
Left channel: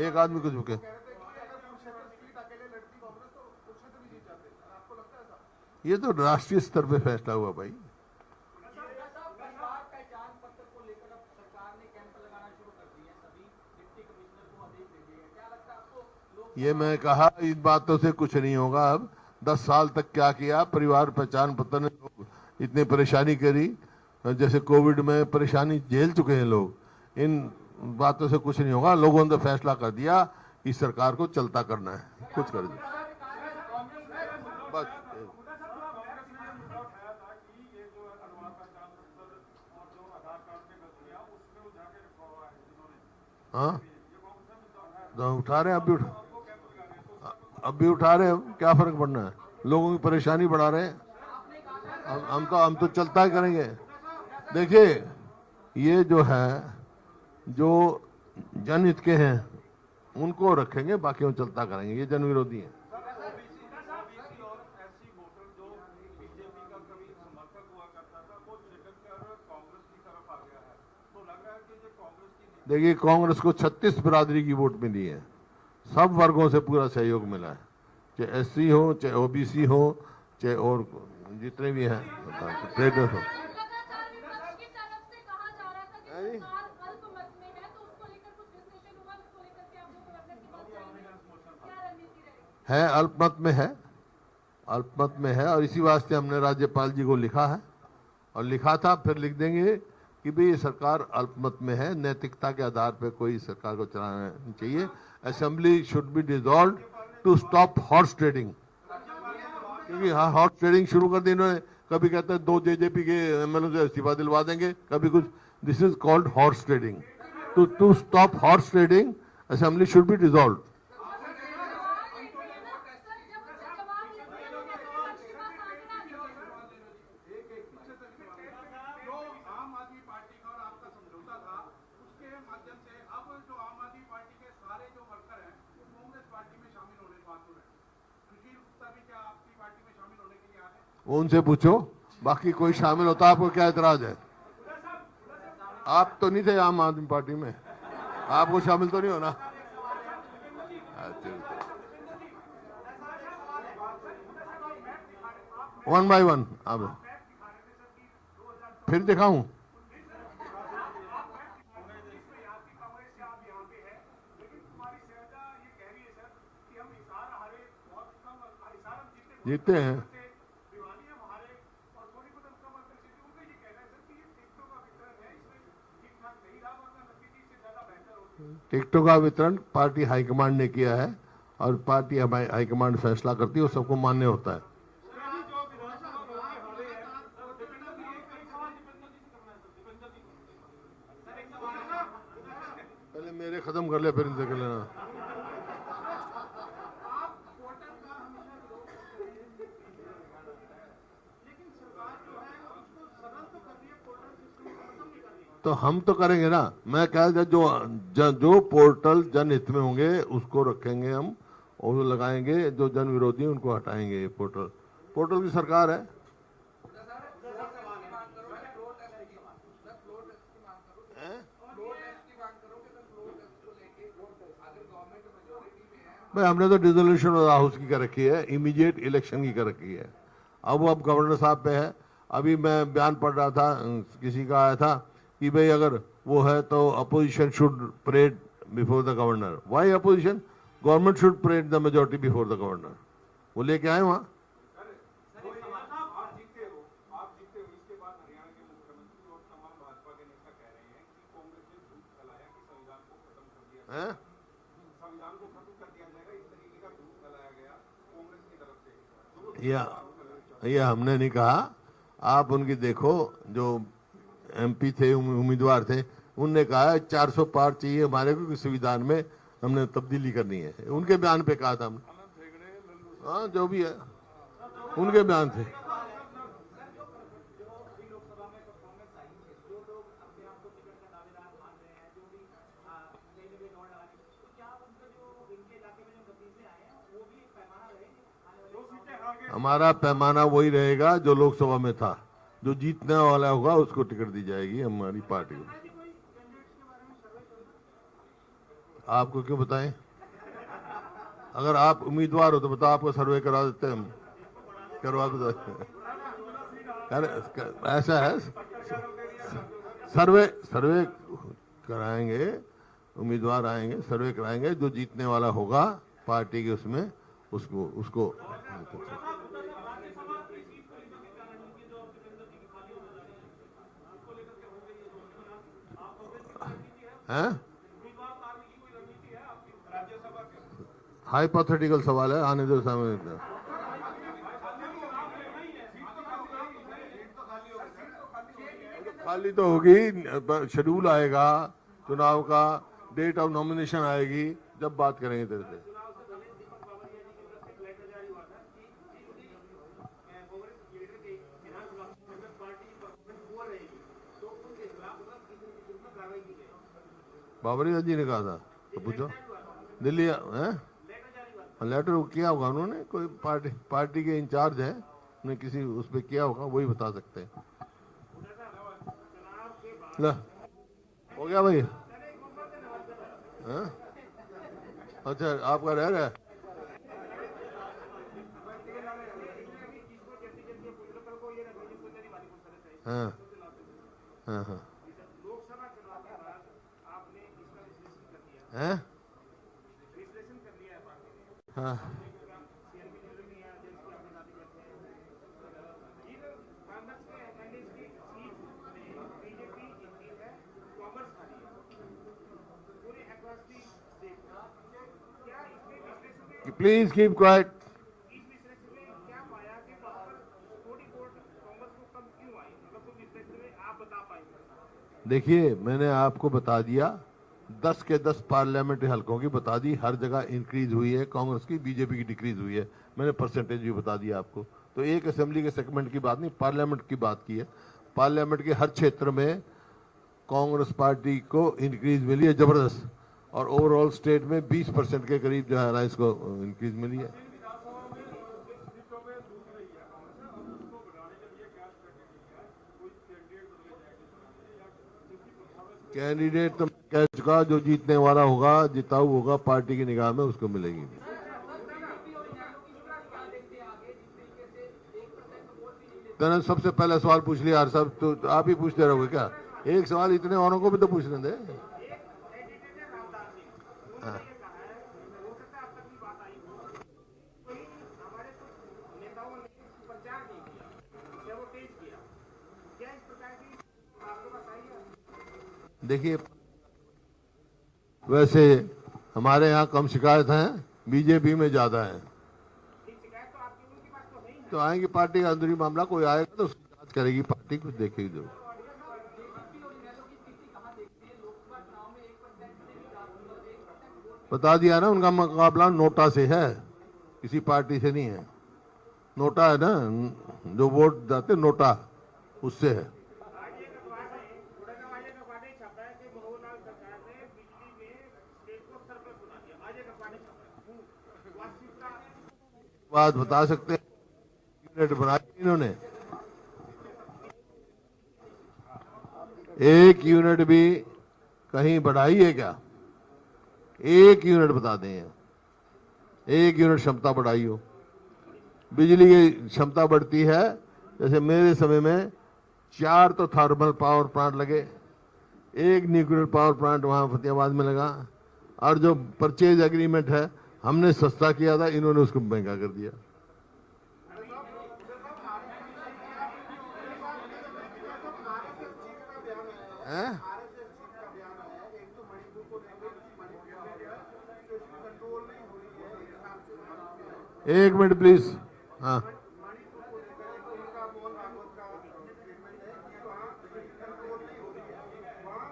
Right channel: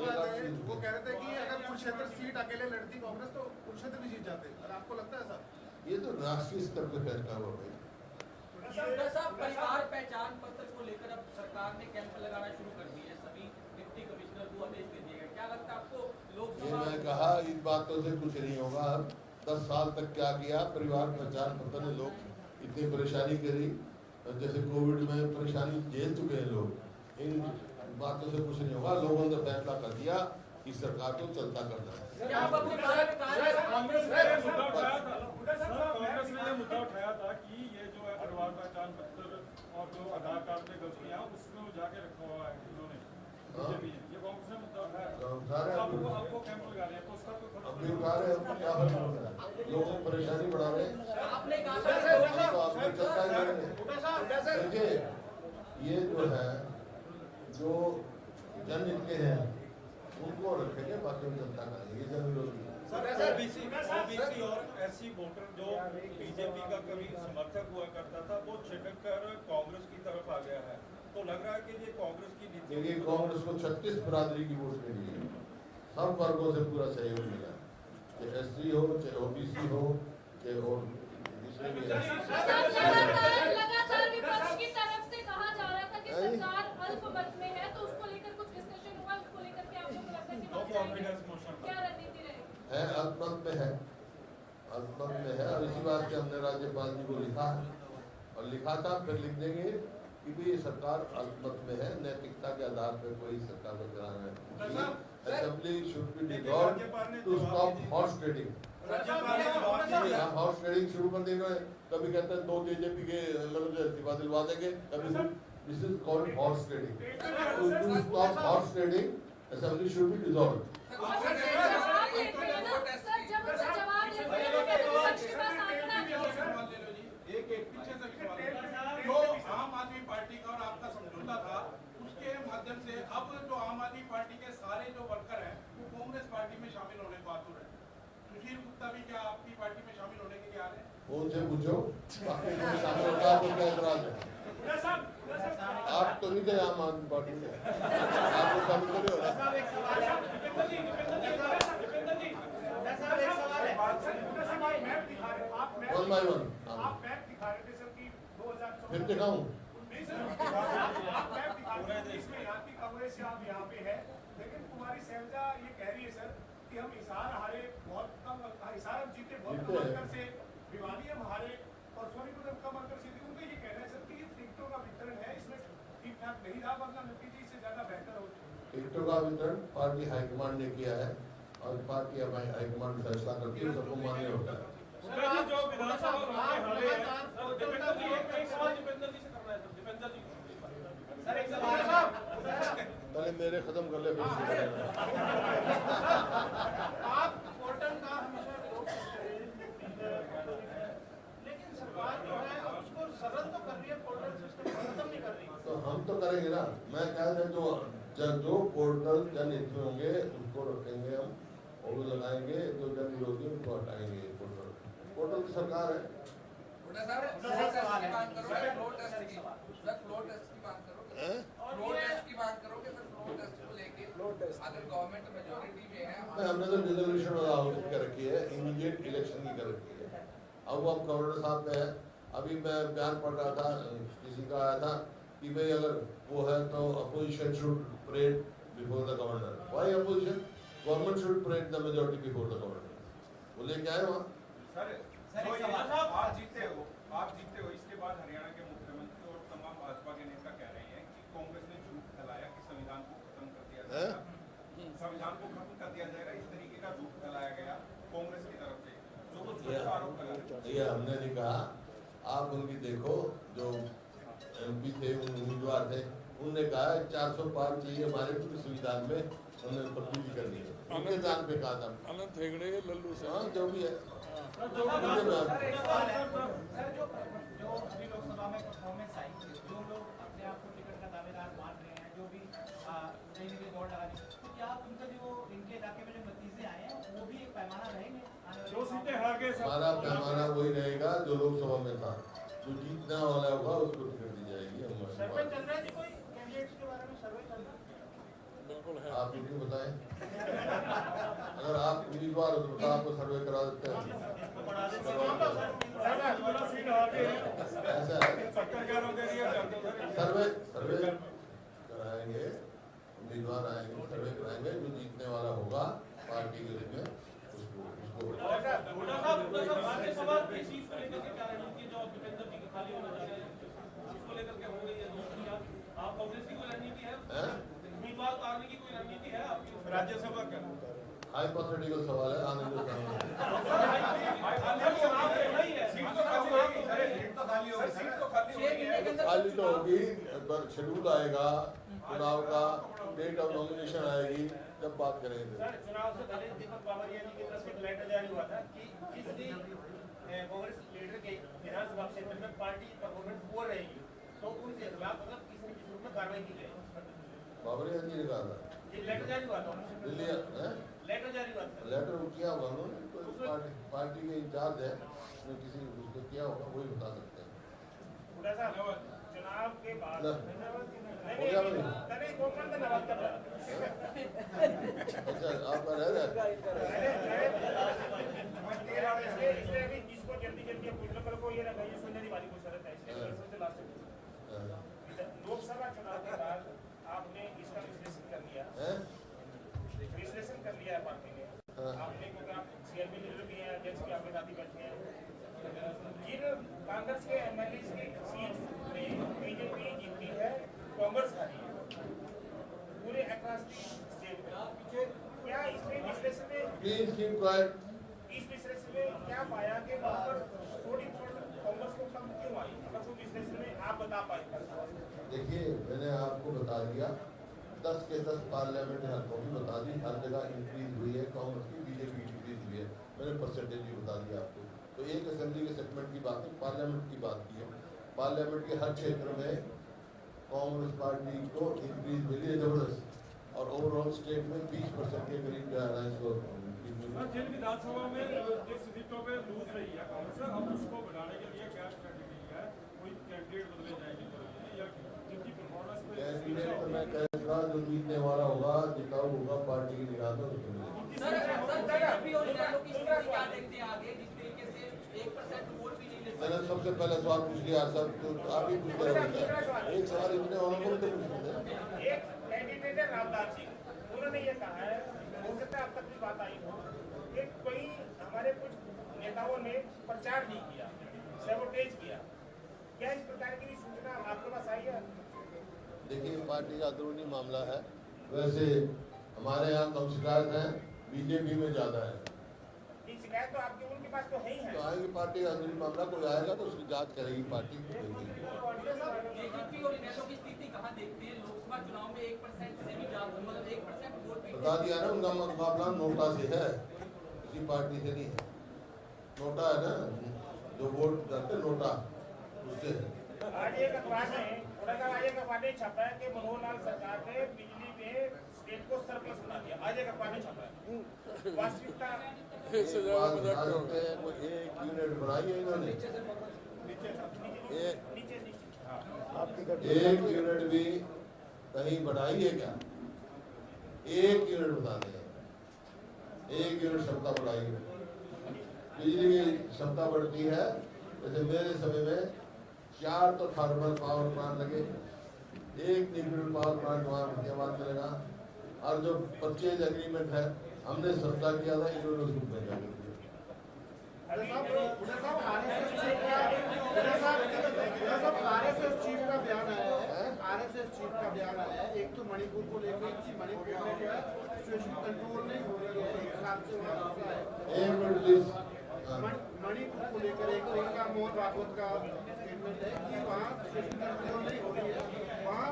एक आदमी को झुके, ये तो राष्ट्रीय स्तर पे फैसला हुआ भाई। ये मैं कहा, इन बातों से कुछ नहीं होगा। अब 10 साल तक क्या किया, परिवार पहचान पत्र ने लोग इतनी परेशानी करी, जैसे कोविड में परेशानी झेल चुके हैं लोग। इन बातों से कुछ नहीं होगा। लोगों ने फैसला कर दिया कि सरकार को चलता करना है, कुछ कर हाँ तो उठा रहे हैं, अब भी उठा रहे हो, क्या फर्क पड़ना है? लोगों की परेशानी बढ़ा रहे हैं, हम तो चलता ही करेंगे। देखिए, ये जो है, जो जनहित के हैं उनको रखेंगे, बाकी हम चलता करेंगे। ये जन विरोधी है। ओबीसी और एससी वोटर जो बीजेपी का कभी समर्थक हुआ करता था वो छिटक कर कांग्रेस की तरफ आ गया है, तो लग रहा है कि ये कांग्रेस की नीति। देखिए, कांग्रेस को 36 बिरादरी की वोट मिली है, सब वर्गों से पूरा सहयोग मिला है, चाहे एससी हो, चाहे ओबीसी हो, चाहे और जितने भी हैं स्टेटस हो। लगातार विपक्ष की तरफ से कहा जा रहा था कि सरकार अल्पमत में है, तो उसको लेकर कुछ डिस्कशन हुआ, उसको लेकर के आप लोग लगता है कि मान जाएंगे? क्या रणनीति रहेगी? है अल्पमत में है, अल्पमत में है, और इसी वास्ते हमने राज्यपाल जी को लिखा है, और लिखा था, फिर लिख देंगे कि भाई ये सरकार अल्पमत में है, नैतिकता के आधार पर कोई सरकार को चलाना चाहिए। Assembly should be dissolve to stop horse trading. हाँ, हॉर्स ट्रेडिंग शुरू कर दी इन्होंने। कभी कहते हैं 2 जेजेपी के एमएलए से इस्तीफा दिलवा देंगे, कभी कुछ। This is called horse trading. To stop horse trading assembly should be dissolve. जो आम आदमी पार्टी का और आपका समझौता था, उसके माध्यम से अब जो आम आदमी पार्टी के सारे जो वर्कर हैं वो कांग्रेस पार्टी में शामिल होने की बात हो रही है। सुशील गुप्ता भी क्या आपकी पार्टी में शामिल होने के लिए आ रहे हैं? उनसे पूछो, बाकी कोई शामिल होता, आपको क्या एतराज है? आप तो नहीं थे आम आदमी पार्टी में, आपको शामिल तो नहीं होना। वन बाय वन आप फिर दिखाऊं? जीते हैं। टिकटों का वितरण पार्टी हाईकमांड ने किया है, और पार्टी हाईकमांड फैसला करती है, वो सबको मान्य होता है। पहले मेरे खत्म कर ले, फिर इनसे कर लेना। तो हम तो करेंगे ना। मैं कह रहा जो पोर्टल जनहित में होंगे उसको रखेंगे हम, और वो लगाएंगे। जो जन विरोधी हैं उनको हटाएंगे। पोर्टल की सरकार है। भाई, हमने तो डिसोल्यूशन हाउस की कर रखी है, इमीडिएट इलेक्शन की कर रखी है। अब वो गवर्नर साहब पे है। अभी मैं बयान पढ़ रहा था, किसी का आया था कि भाई अगर वो है तो opposition should parade before the governor. Why opposition? Government should parade the majority before the governor. वो लेके आए वहाँ। आप जीते हो, इसके बाद हरियाणा के मुख्यमंत्री और तमाम भाजपा के नेता कह रहे हैं कि कांग्रेस ने झूठ फैलाया कि संविधान को खत्म कर दिया जाएगा, संविधान को खत्म कर दिया जाएगा, इस तरीके का झूठ फैलाया गया कांग्रेस की तरफ से। यह हमने नहीं कहा। आप उनकी देखो, जो एमपी थे, उम्मीदवार थे, उनने कहा 400 पार चाहिए हमारे को, संविधान में हमने तब्दीली करनी है। उनके बयान पे कहा था हमने। हाँ, जो भी है उनके बयान थे। हमारा पैमाना वही रहेगा जो लोकसभा में था। जो जीतने वाला होगा उसको टिकट दी जाएगी हमारी पार्टी। आपको क्यों बताएं? अगर आप उम्मीदवार हो तो बताओ, आपको सर्वे करा देते हैं हम, करवा भी देते हैं। ऐसा है, सर्वे कराएंगे, उम्मीदवार आएंगे, सर्वे कराएंगे, जो जीतने वाला होगा पार्टी के उसमें उसको हाइपोथेटिकल सवाल है, आने दो सामने। खाली तो होगी, शेड्यूल आएगा चुनाव का, डेट ऑफ नॉमिनेशन आएगी, जब बात करेंगे तो। बाबरी जी ने कहा था, तो पूछो दिल्ली है लेटर किया होगा उन्होंने, कोई पार्टी के इंचार्ज है, उन्हें किसी उस पर किया होगा, वही बता सकते हैं। ला, हो गया भाई? हाँ? अच्छा आपका रह गया? हाँ हाँ हाँ लोकसभा चुनाव के बाद आपने इसका विश्लेषण कर लिया, हैं? विश्लेषण कर लिया है पार्टी ने, हाँ आपने क्योंकि आप चेयरमैन नियुक्त किए हैं, अध्यक्ष भी आपके साथ ही बैठे हैं, जिन कांग्रेस के एमएलए की सीट में बीजेपी जीती है, कांग्रेस हारी है पूरे अक्रॉस दी स्टेट में, क्या इसमें विश्लेषण में, प्लीज कीप क्वाइट। इस विश्लेषण में क्या पाया कि वहाँ पर थोड़ी वोट कांग्रेस को कम क्यों आई, अगर कोई विश्लेषण में आप बता पाए? देखिए मैंने आपको बता दिया, 10 के 10 पार्लियामेंट्री हलकों की बता दी, हर जगह इंक्रीज हुई है, कांग्रेस की बीजेपी की डिक्रीज हुई है, मैंने परसेंटेज भी बता दिया आपको। तो एक असेंबली के सेगमेंट की बात नहीं, पार्लियामेंट की बात की है। पार्लियामेंट के हर क्षेत्र में कांग्रेस पार्टी को इंक्रीज मिली है जबरदस्त, और ओवरऑल स्टेट में 20% के करीब जो है ना इसको इंक्रीज मिली है। विधानसभा में जिस सीटों पे लूज रही है कांग्रेस, अब उसको बढ़ाने के लिए क्या स्ट्रेटजी है, कोई कैंडिडेट बदले जाएंगे या जिनकी परफॉर्मेंस? कैंडिडेट तो मैं कह चुका, जो जीतने वाला होगा, जिताऊ होगा, पार्टी की निगाह में उसको मिलेगी। मैंने सबसे पहले सवाल पूछ लिया यार, सब तो आप ही पूछते रहोगे क्या? एक सवाल इतने औरों को भी तो पूछने दे। एक कैंडिडेट है रामदास जी, उन्होंने ये कहा है, हो सकता है अब तक भी बात आई हो, कि कहीं हमारे कुछ नेताओं ने प्रचार नहीं किया, सैबोटेज किया, क्या इस प्रकार की सूचना आपके पास आई है? देखिए पार्टी का अंदरूनी मामला है, वैसे हमारे यहाँ कम शिकायत हैं, बीजेपी में ज्यादा है। शिकायत तो आपकी उनके पास तो है ही है। तो आएंगे, पार्टी का अंदरूनी मामला कोई आएगा तो उसकी जांच करेगी पार्टी, कुछ देखेगी जो। बता दिया ना, उनका मुकाबला नोटा से है, किसी पार्टी से नहीं है। नोटा है ना, जो वोट जाते नोटा, उससे है। आज एक अखबार में आज एक अखबार ने छापा है कि मनोहर लाल सरकार ने बिजली में स्टेट को सरप्लस बना दिया, आज एक अखबार ने छापा है। वास्तविकता बात बता सकते हैं, वो एक यूनिट बनाई है इन्होंने, एक यूनिट भी कहीं बढ़ाई है क्या? एक यूनिट बता दें, एक यूनिट क्षमता बढ़ाई हो। बिजली की क्षमता बढ़ती है, जैसे मेरे समय में 4 तो थर्मल पावर प्लांट लगे, एक न्यूक्लियर पावर प्लांट वहाँ फतेहाबाद में लगा, और जो परचेज एग्रीमेंट है हमने सस्ता किया था, इन्होंने उसको महंगा कर दिया। एक मिनट प्लीज। हाँ मणिपुर को लेकर एक तो इनका मोहन रावत का स्टेटमेंट है कि वहाँ सिचुएशन कंट्रोल नहीं हो रही है, वहाँ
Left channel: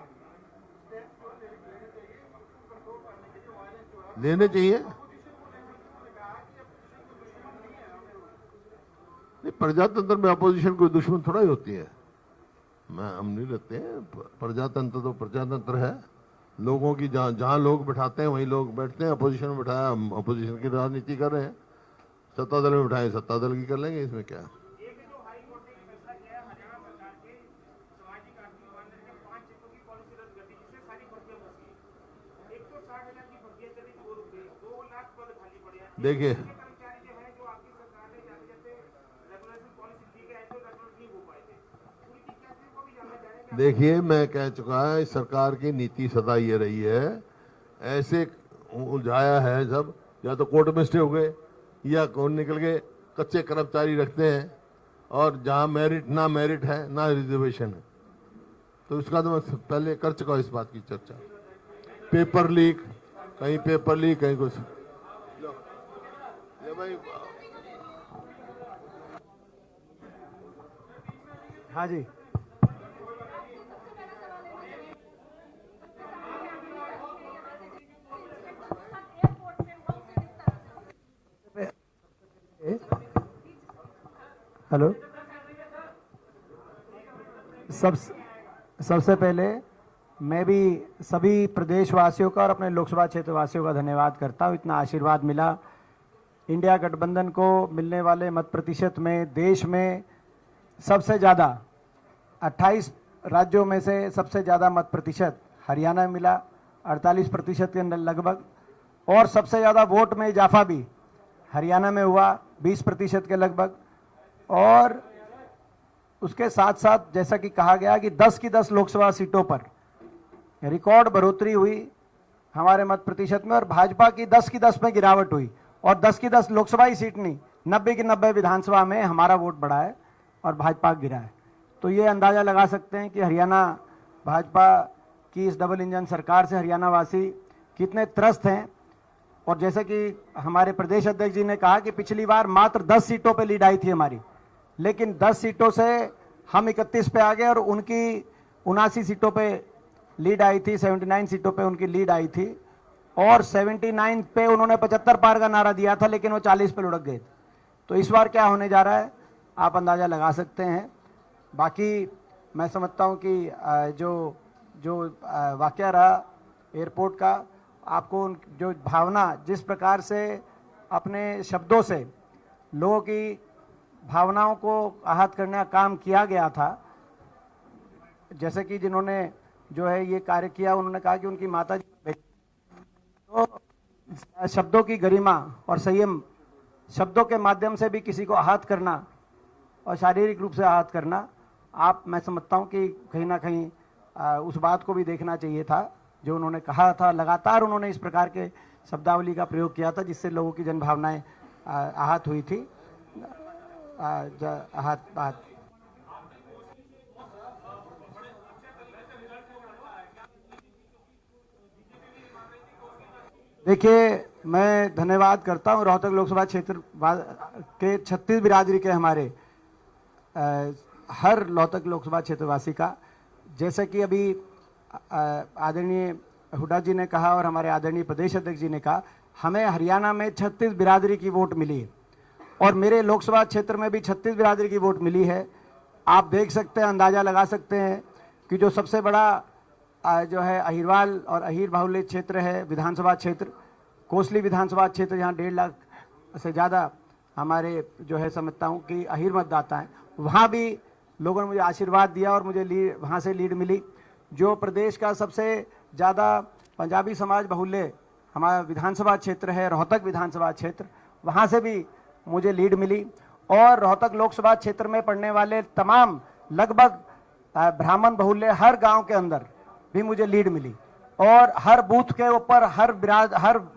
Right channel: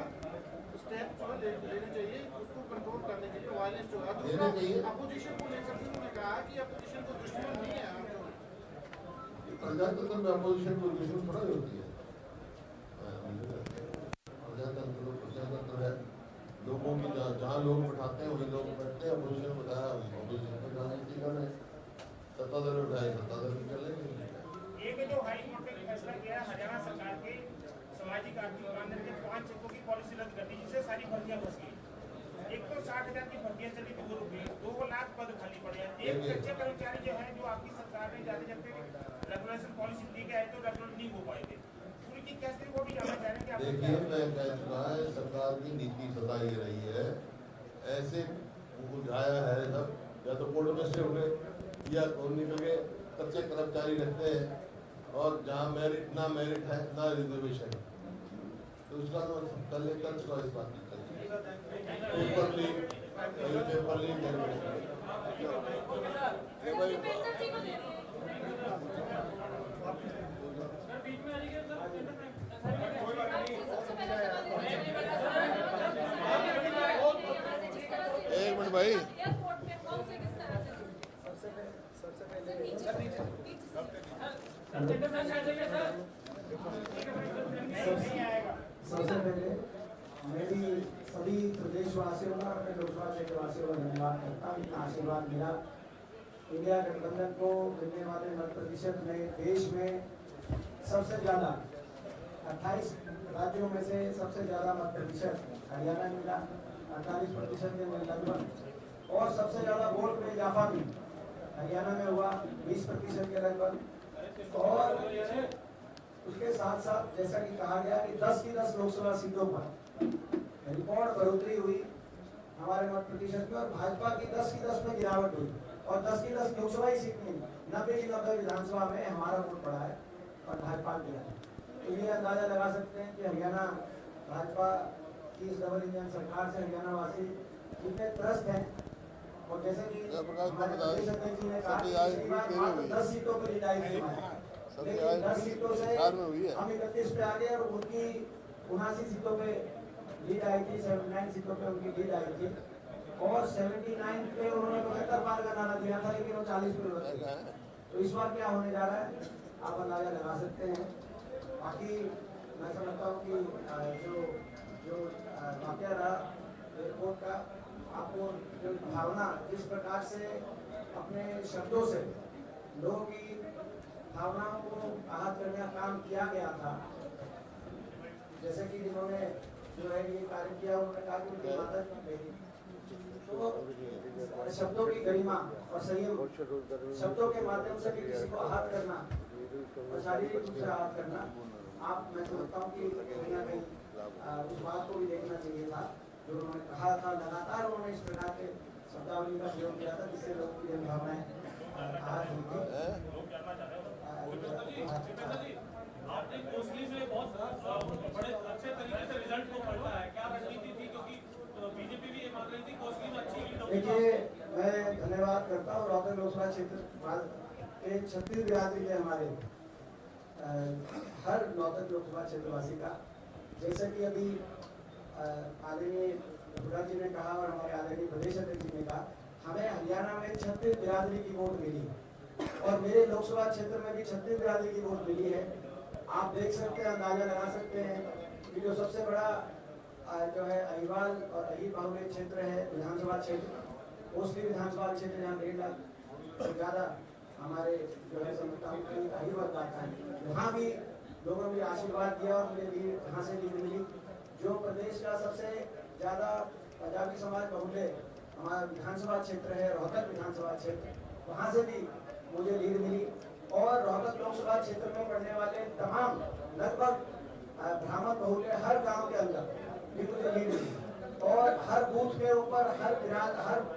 स्टेप जो लेने चाहिए उसको कंट्रोल करने के लिए, वायलेंस जो है लेने चाहिए। अपोजिशन को लेकर भी उन्होंने कहा कि अपोजिशन को दुश्मन नहीं है हम लोग। प्रजातंत्र में अपोजिशन कोई दुश्मन थोड़ा ही होती है, हम नहीं रहते। प्रजातंत्र तो प्रजातंत्र है, लोगों की जहाँ लोग बैठाते हैं वहीं लोग बैठते हैं। अपोजिशन में बैठाया, हम अपोजिशन की राजनीति कर रहे हैं, सत्ता दल में बैठाए सत्ता दल की कर लेंगे, इसमें क्या। एक जो हाई कोर्ट ने फैसला किया हरियाणा सरकार के सामाजिक आर्थिक मानदंड के 5 चेकों की पॉलिसी रद्द कर दी, जिससे सारी भर्तियां फंस गई। एक तो 60,000 की भर्तियां चली थी, वो रुक गई, 2 लाख पद खाली पड़े हैं। देखिए कर्मचारी जो है, जो आपकी सरकार ने जाते जाते रेगुलेशन पॉलिसी दी है तो रेगुलेट नहीं हो पाएंगे, पूरी की कैसे वो भी जानना चाह रहे हैं। देखिए मैं कह चुका है, सरकार की नीति सदा ये रही है, ऐसे उलझाया है सब, या तो कोर्ट में स्टे हो गए या कौन निकल गए, कच्चे कर्मचारी रखते हैं, और जहाँ मेरिट ना मेरिट है ना रिजर्वेशन, तो उसका तो मैं पहले कर चुका हूँ इस बात की चर्चा। पेपर लीक, कहीं पेपर लीक, कहीं कुछ। हाँ जी, एक मिनट भाई। हेलो, सबसे पहले मैं भी सभी प्रदेशवासियों का और अपने लोकसभा क्षेत्र वासियों का धन्यवाद करता हूँ। इतना आशीर्वाद मिला। इंडिया गठबंधन को मिलने वाले मत प्रतिशत में देश में सबसे ज़्यादा 28 राज्यों में से सबसे ज़्यादा मत प्रतिशत हरियाणा में मिला, 48% के लगभग, और सबसे ज़्यादा वोट में इजाफा भी हरियाणा में हुआ 20% के लगभग। और उसके साथ साथ जैसा कि कहा गया कि 10 की 10 लोकसभा सीटों पर रिकॉर्ड बढ़ोतरी हुई हमारे मत प्रतिशत में, और भाजपा की 10 की 10 में गिरावट हुई, और 10 की 10 लोकसभा ही सीट नहीं, 90 की 90 विधानसभा में हमारा वोट बढ़ा है और भाजपा गिरा है। तो ये अंदाज़ा लगा सकते हैं कि हरियाणा भाजपा की इस डबल इंजन सरकार से हरियाणा वासी कितने त्रस्त हैं। और जैसे कि हमारे प्रदेश अध्यक्ष जी ने कहा कि पिछली बार मात्र 10 सीटों पे लीड आई थी हमारी, लेकिन 10 सीटों से हम 31 पे आ गए और उनकी 79 सीटों पे लीड आई थी, 79 सीटों पे उनकी लीड आई थी, और 79 पे उन्होंने 75 पार का नारा दिया था, लेकिन वो 40 पे लुढ़क गए। तो इस बार क्या होने जा रहा है आप अंदाज़ा लगा सकते हैं। बाकी मैं समझता हूँ कि जो वाकया रहा एयरपोर्ट का, आपको जो भावना जिस प्रकार से अपने शब्दों से लोगों की भावनाओं को आहत करने का काम किया गया था, जैसे कि जिन्होंने जो है ये कार्य किया, उन्होंने कहा कि उनकी माता तो शब्दों की गरिमा और संयम, शब्दों के माध्यम से भी किसी को आहत करना और शारीरिक रूप से आहत करना, मैं समझता हूँ कि कहीं ना कहीं उस बात को भी देखना चाहिए था जो उन्होंने कहा था। लगातार उन्होंने इस प्रकार के शब्दावली का प्रयोग किया था जिससे लोगों की जनभावनाएं आहत हुई थी। आहत देखिए, मैं धन्यवाद करता हूँ रोहतक लोकसभा क्षेत्र के 36 बिरादरी के हमारे हर रोहतक लोकसभा क्षेत्रवासी का। जैसे कि अभी आदरणीय हुड्डा जी ने कहा और हमारे आदरणीय प्रदेश अध्यक्ष जी ने कहा, हमें हरियाणा में 36 बिरादरी की वोट मिली और मेरे लोकसभा क्षेत्र में भी 36 बिरादरी की वोट मिली है। आप देख सकते हैं, अंदाज़ा लगा सकते हैं कि जो सबसे बड़ा जो है अहिरवाल और अहिर बाहुल्य क्षेत्र है, विधानसभा क्षेत्र कोसली विधानसभा क्षेत्र, यहाँ 1.5 लाख से ज़्यादा हमारे जो है समझता हूँ कि अहिर मतदाता हैं, वहाँ भी लोगों ने मुझे आशीर्वाद दिया और मुझे वहाँ से लीड मिली। जो प्रदेश का सबसे ज़्यादा पंजाबी समाज बाहुल्य हमारा विधानसभा क्षेत्र है, रोहतक विधानसभा क्षेत्र, वहाँ से भी मुझे लीड मिली। और रोहतक लोकसभा क्षेत्र में पड़ने वाले तमाम लगभग ब्राह्मण बाहुल्य हर गांव के अंदर भी मुझे लीड मिली, और हर बूथ के ऊपर, हर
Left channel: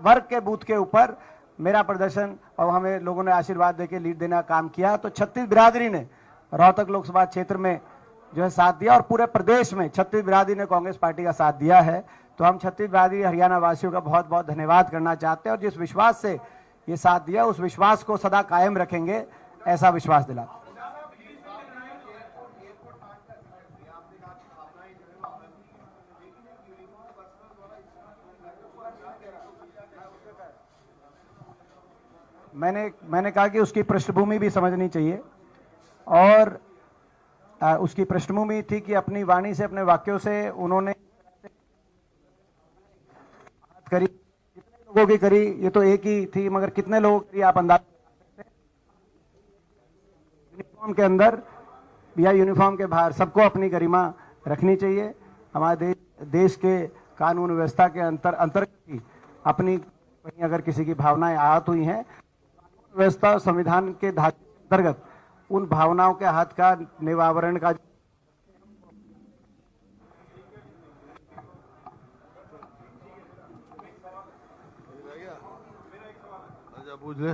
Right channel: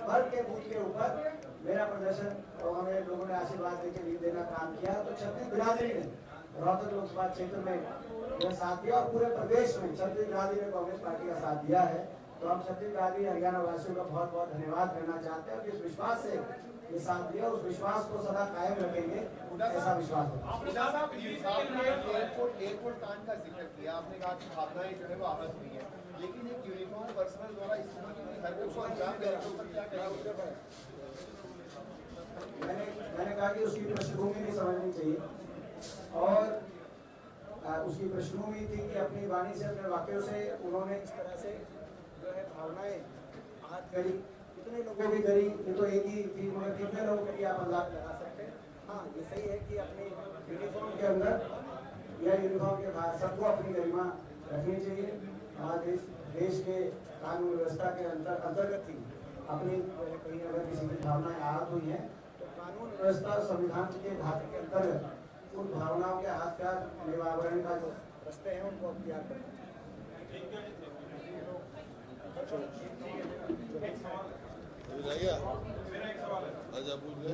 वर्ग के बूथ के ऊपर मेरा प्रदर्शन और हमें लोगों ने आशीर्वाद देके लीड देने का काम किया। तो 36 बिरादरी ने रोहतक लोकसभा क्षेत्र में जो है साथ दिया, और पूरे प्रदेश में 36 बिरादरी ने कांग्रेस पार्टी का साथ दिया है। तो हम 36 बिरादरी हरियाणा वासियों का बहुत बहुत धन्यवाद करना चाहते हैं, और जिस विश्वास से ये साथ दिया उस विश्वास को सदा कायम रखेंगे, ऐसा विश्वास दिला। मैंने कहा कि उसकी पृष्ठभूमि भी समझनी चाहिए, और उसकी पृष्ठभूमि थी कि अपनी वाणी से, अपने वाक्यों से उन्होंने इस तरह से जो है भावनाएं आहत करी। कितने लोगों की करी ये तो एक ही थी, मगर कितने लोगों की आप अंदाजा लगा सकते हैं। हाँ, ये सही है कि अपनी यूनिफॉर्म के अंदर या यूनिफॉर्म के बाहर सबको अपनी गरिमा रखनी चाहिए। हमारे देश के कानून व्यवस्था के अंतर्गत ही अपनी अगर किसी की भावनाएं आहत हुई हैं, कानून व्यवस्था संविधान के धागे के अंतर्गत उन भावनाओं के हाथ का निवारण का रास्ते हैं उनको अख्तियार करें। अच्छा, पूछ ले।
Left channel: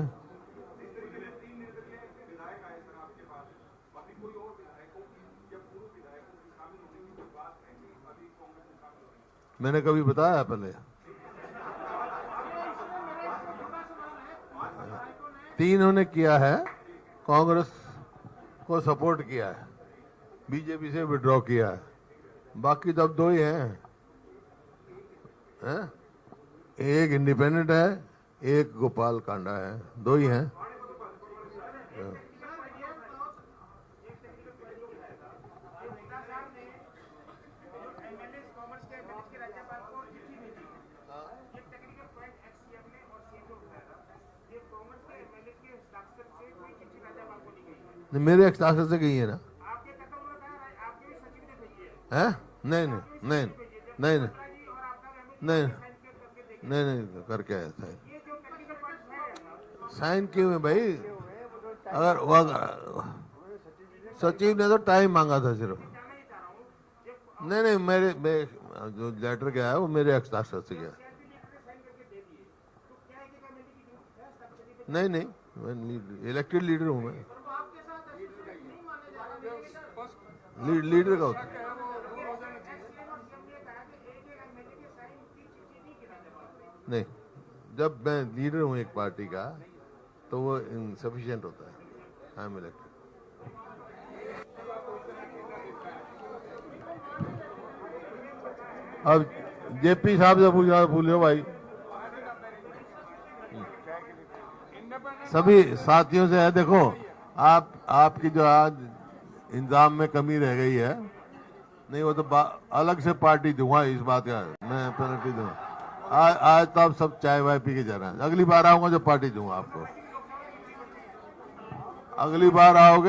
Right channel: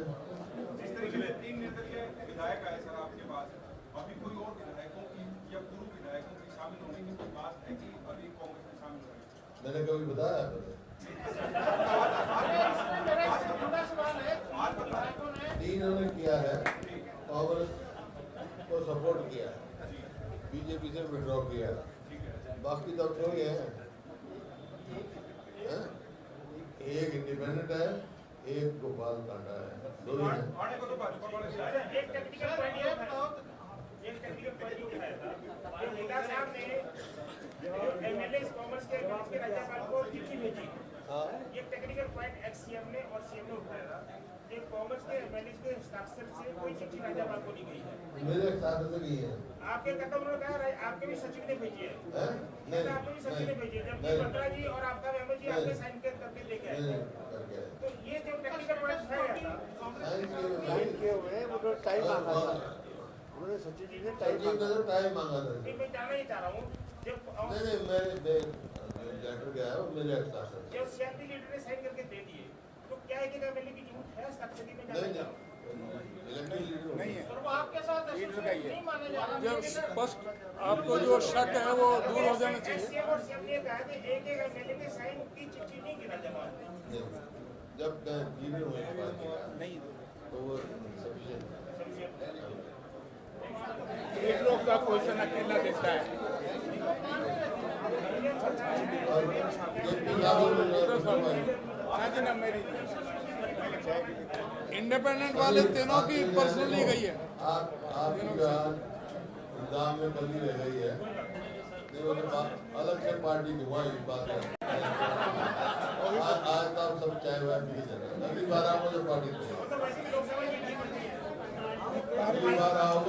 मैंने कभी बताया पहले? 3 उन्होंने किया है, कांग्रेस को सपोर्ट किया है, बीजेपी से विड्रॉ किया है, बाकी तब 2 ही हैं, एक इंडिपेंडेंट है, एक गोपाल कांडा है, 2 ही हैं। कॉमर्स के आपके राज्यपाल को चिट्ठी भेजी है। ये टेक्निकल पॉइंट एक्स-सीएम ने और सीएम ने उठाया था। ये कांग्रेस के एमएलए के हस्ताक्षर से कोई चिट्ठी राज्यपाल को नहीं गई है। मेरे हस्ताक्षर से गई है ना? आपके कहता उन्होंने कहा आपके भी सचिव ने भेजी है। हैं? नहीं नहीं नहीं नहीं जी और आपका एमएलए नहीं साइन करके देखे। नहीं करके आए थे। ये जो टेक्निकल पॉइंट उठाया था साइन किए हुए भाई, अगर वो सचिव ने तो टाइम मांगा था सिर्फ। मैं जानना ही चाह रहा हूँ जब नहीं मेरे जो लेटर गया है वो मेरे हस्ताक्षर से गया। सीआरपी लीडर ने साइन करके दे दिए तो क्या है कि एमएलए की जरूरत है हस्ताक्षर में? नहीं इलेक्टेड लीडर हूँ मैं। और वो आपके साथ नहीं माने जा रहा। जो स्पष्ट लीडर आपको हो। शक है वो दूर हो जाना चाहिए। सीएम और सीएम ने कहा कि एक एमएलए के साइन की चिट्ठी नहीं गिरा जवाब। नहीं, जब मैं लीडर हूँ एक पार्टी का तो वो इनसफिशिएंट होता है। हाँ मिले एक लोग का क्वेश्चन अकेला देता है। अब जेपी साहब से पूछना पूछो भाई। इंडिपेंडेंट सभी साथियों से है, देखो आपकी जो आज इंतजाम में कमी रह गई है, नहीं वो तो अलग से पार्टी दूंगा इस बात का मैं पेनल्टी दूंगा। आज तो आप सब चाय वाय पी के जा रहे हैं, अगली बार आऊंगा जो पार्टी दूंगा आपको, अगली बार आओगे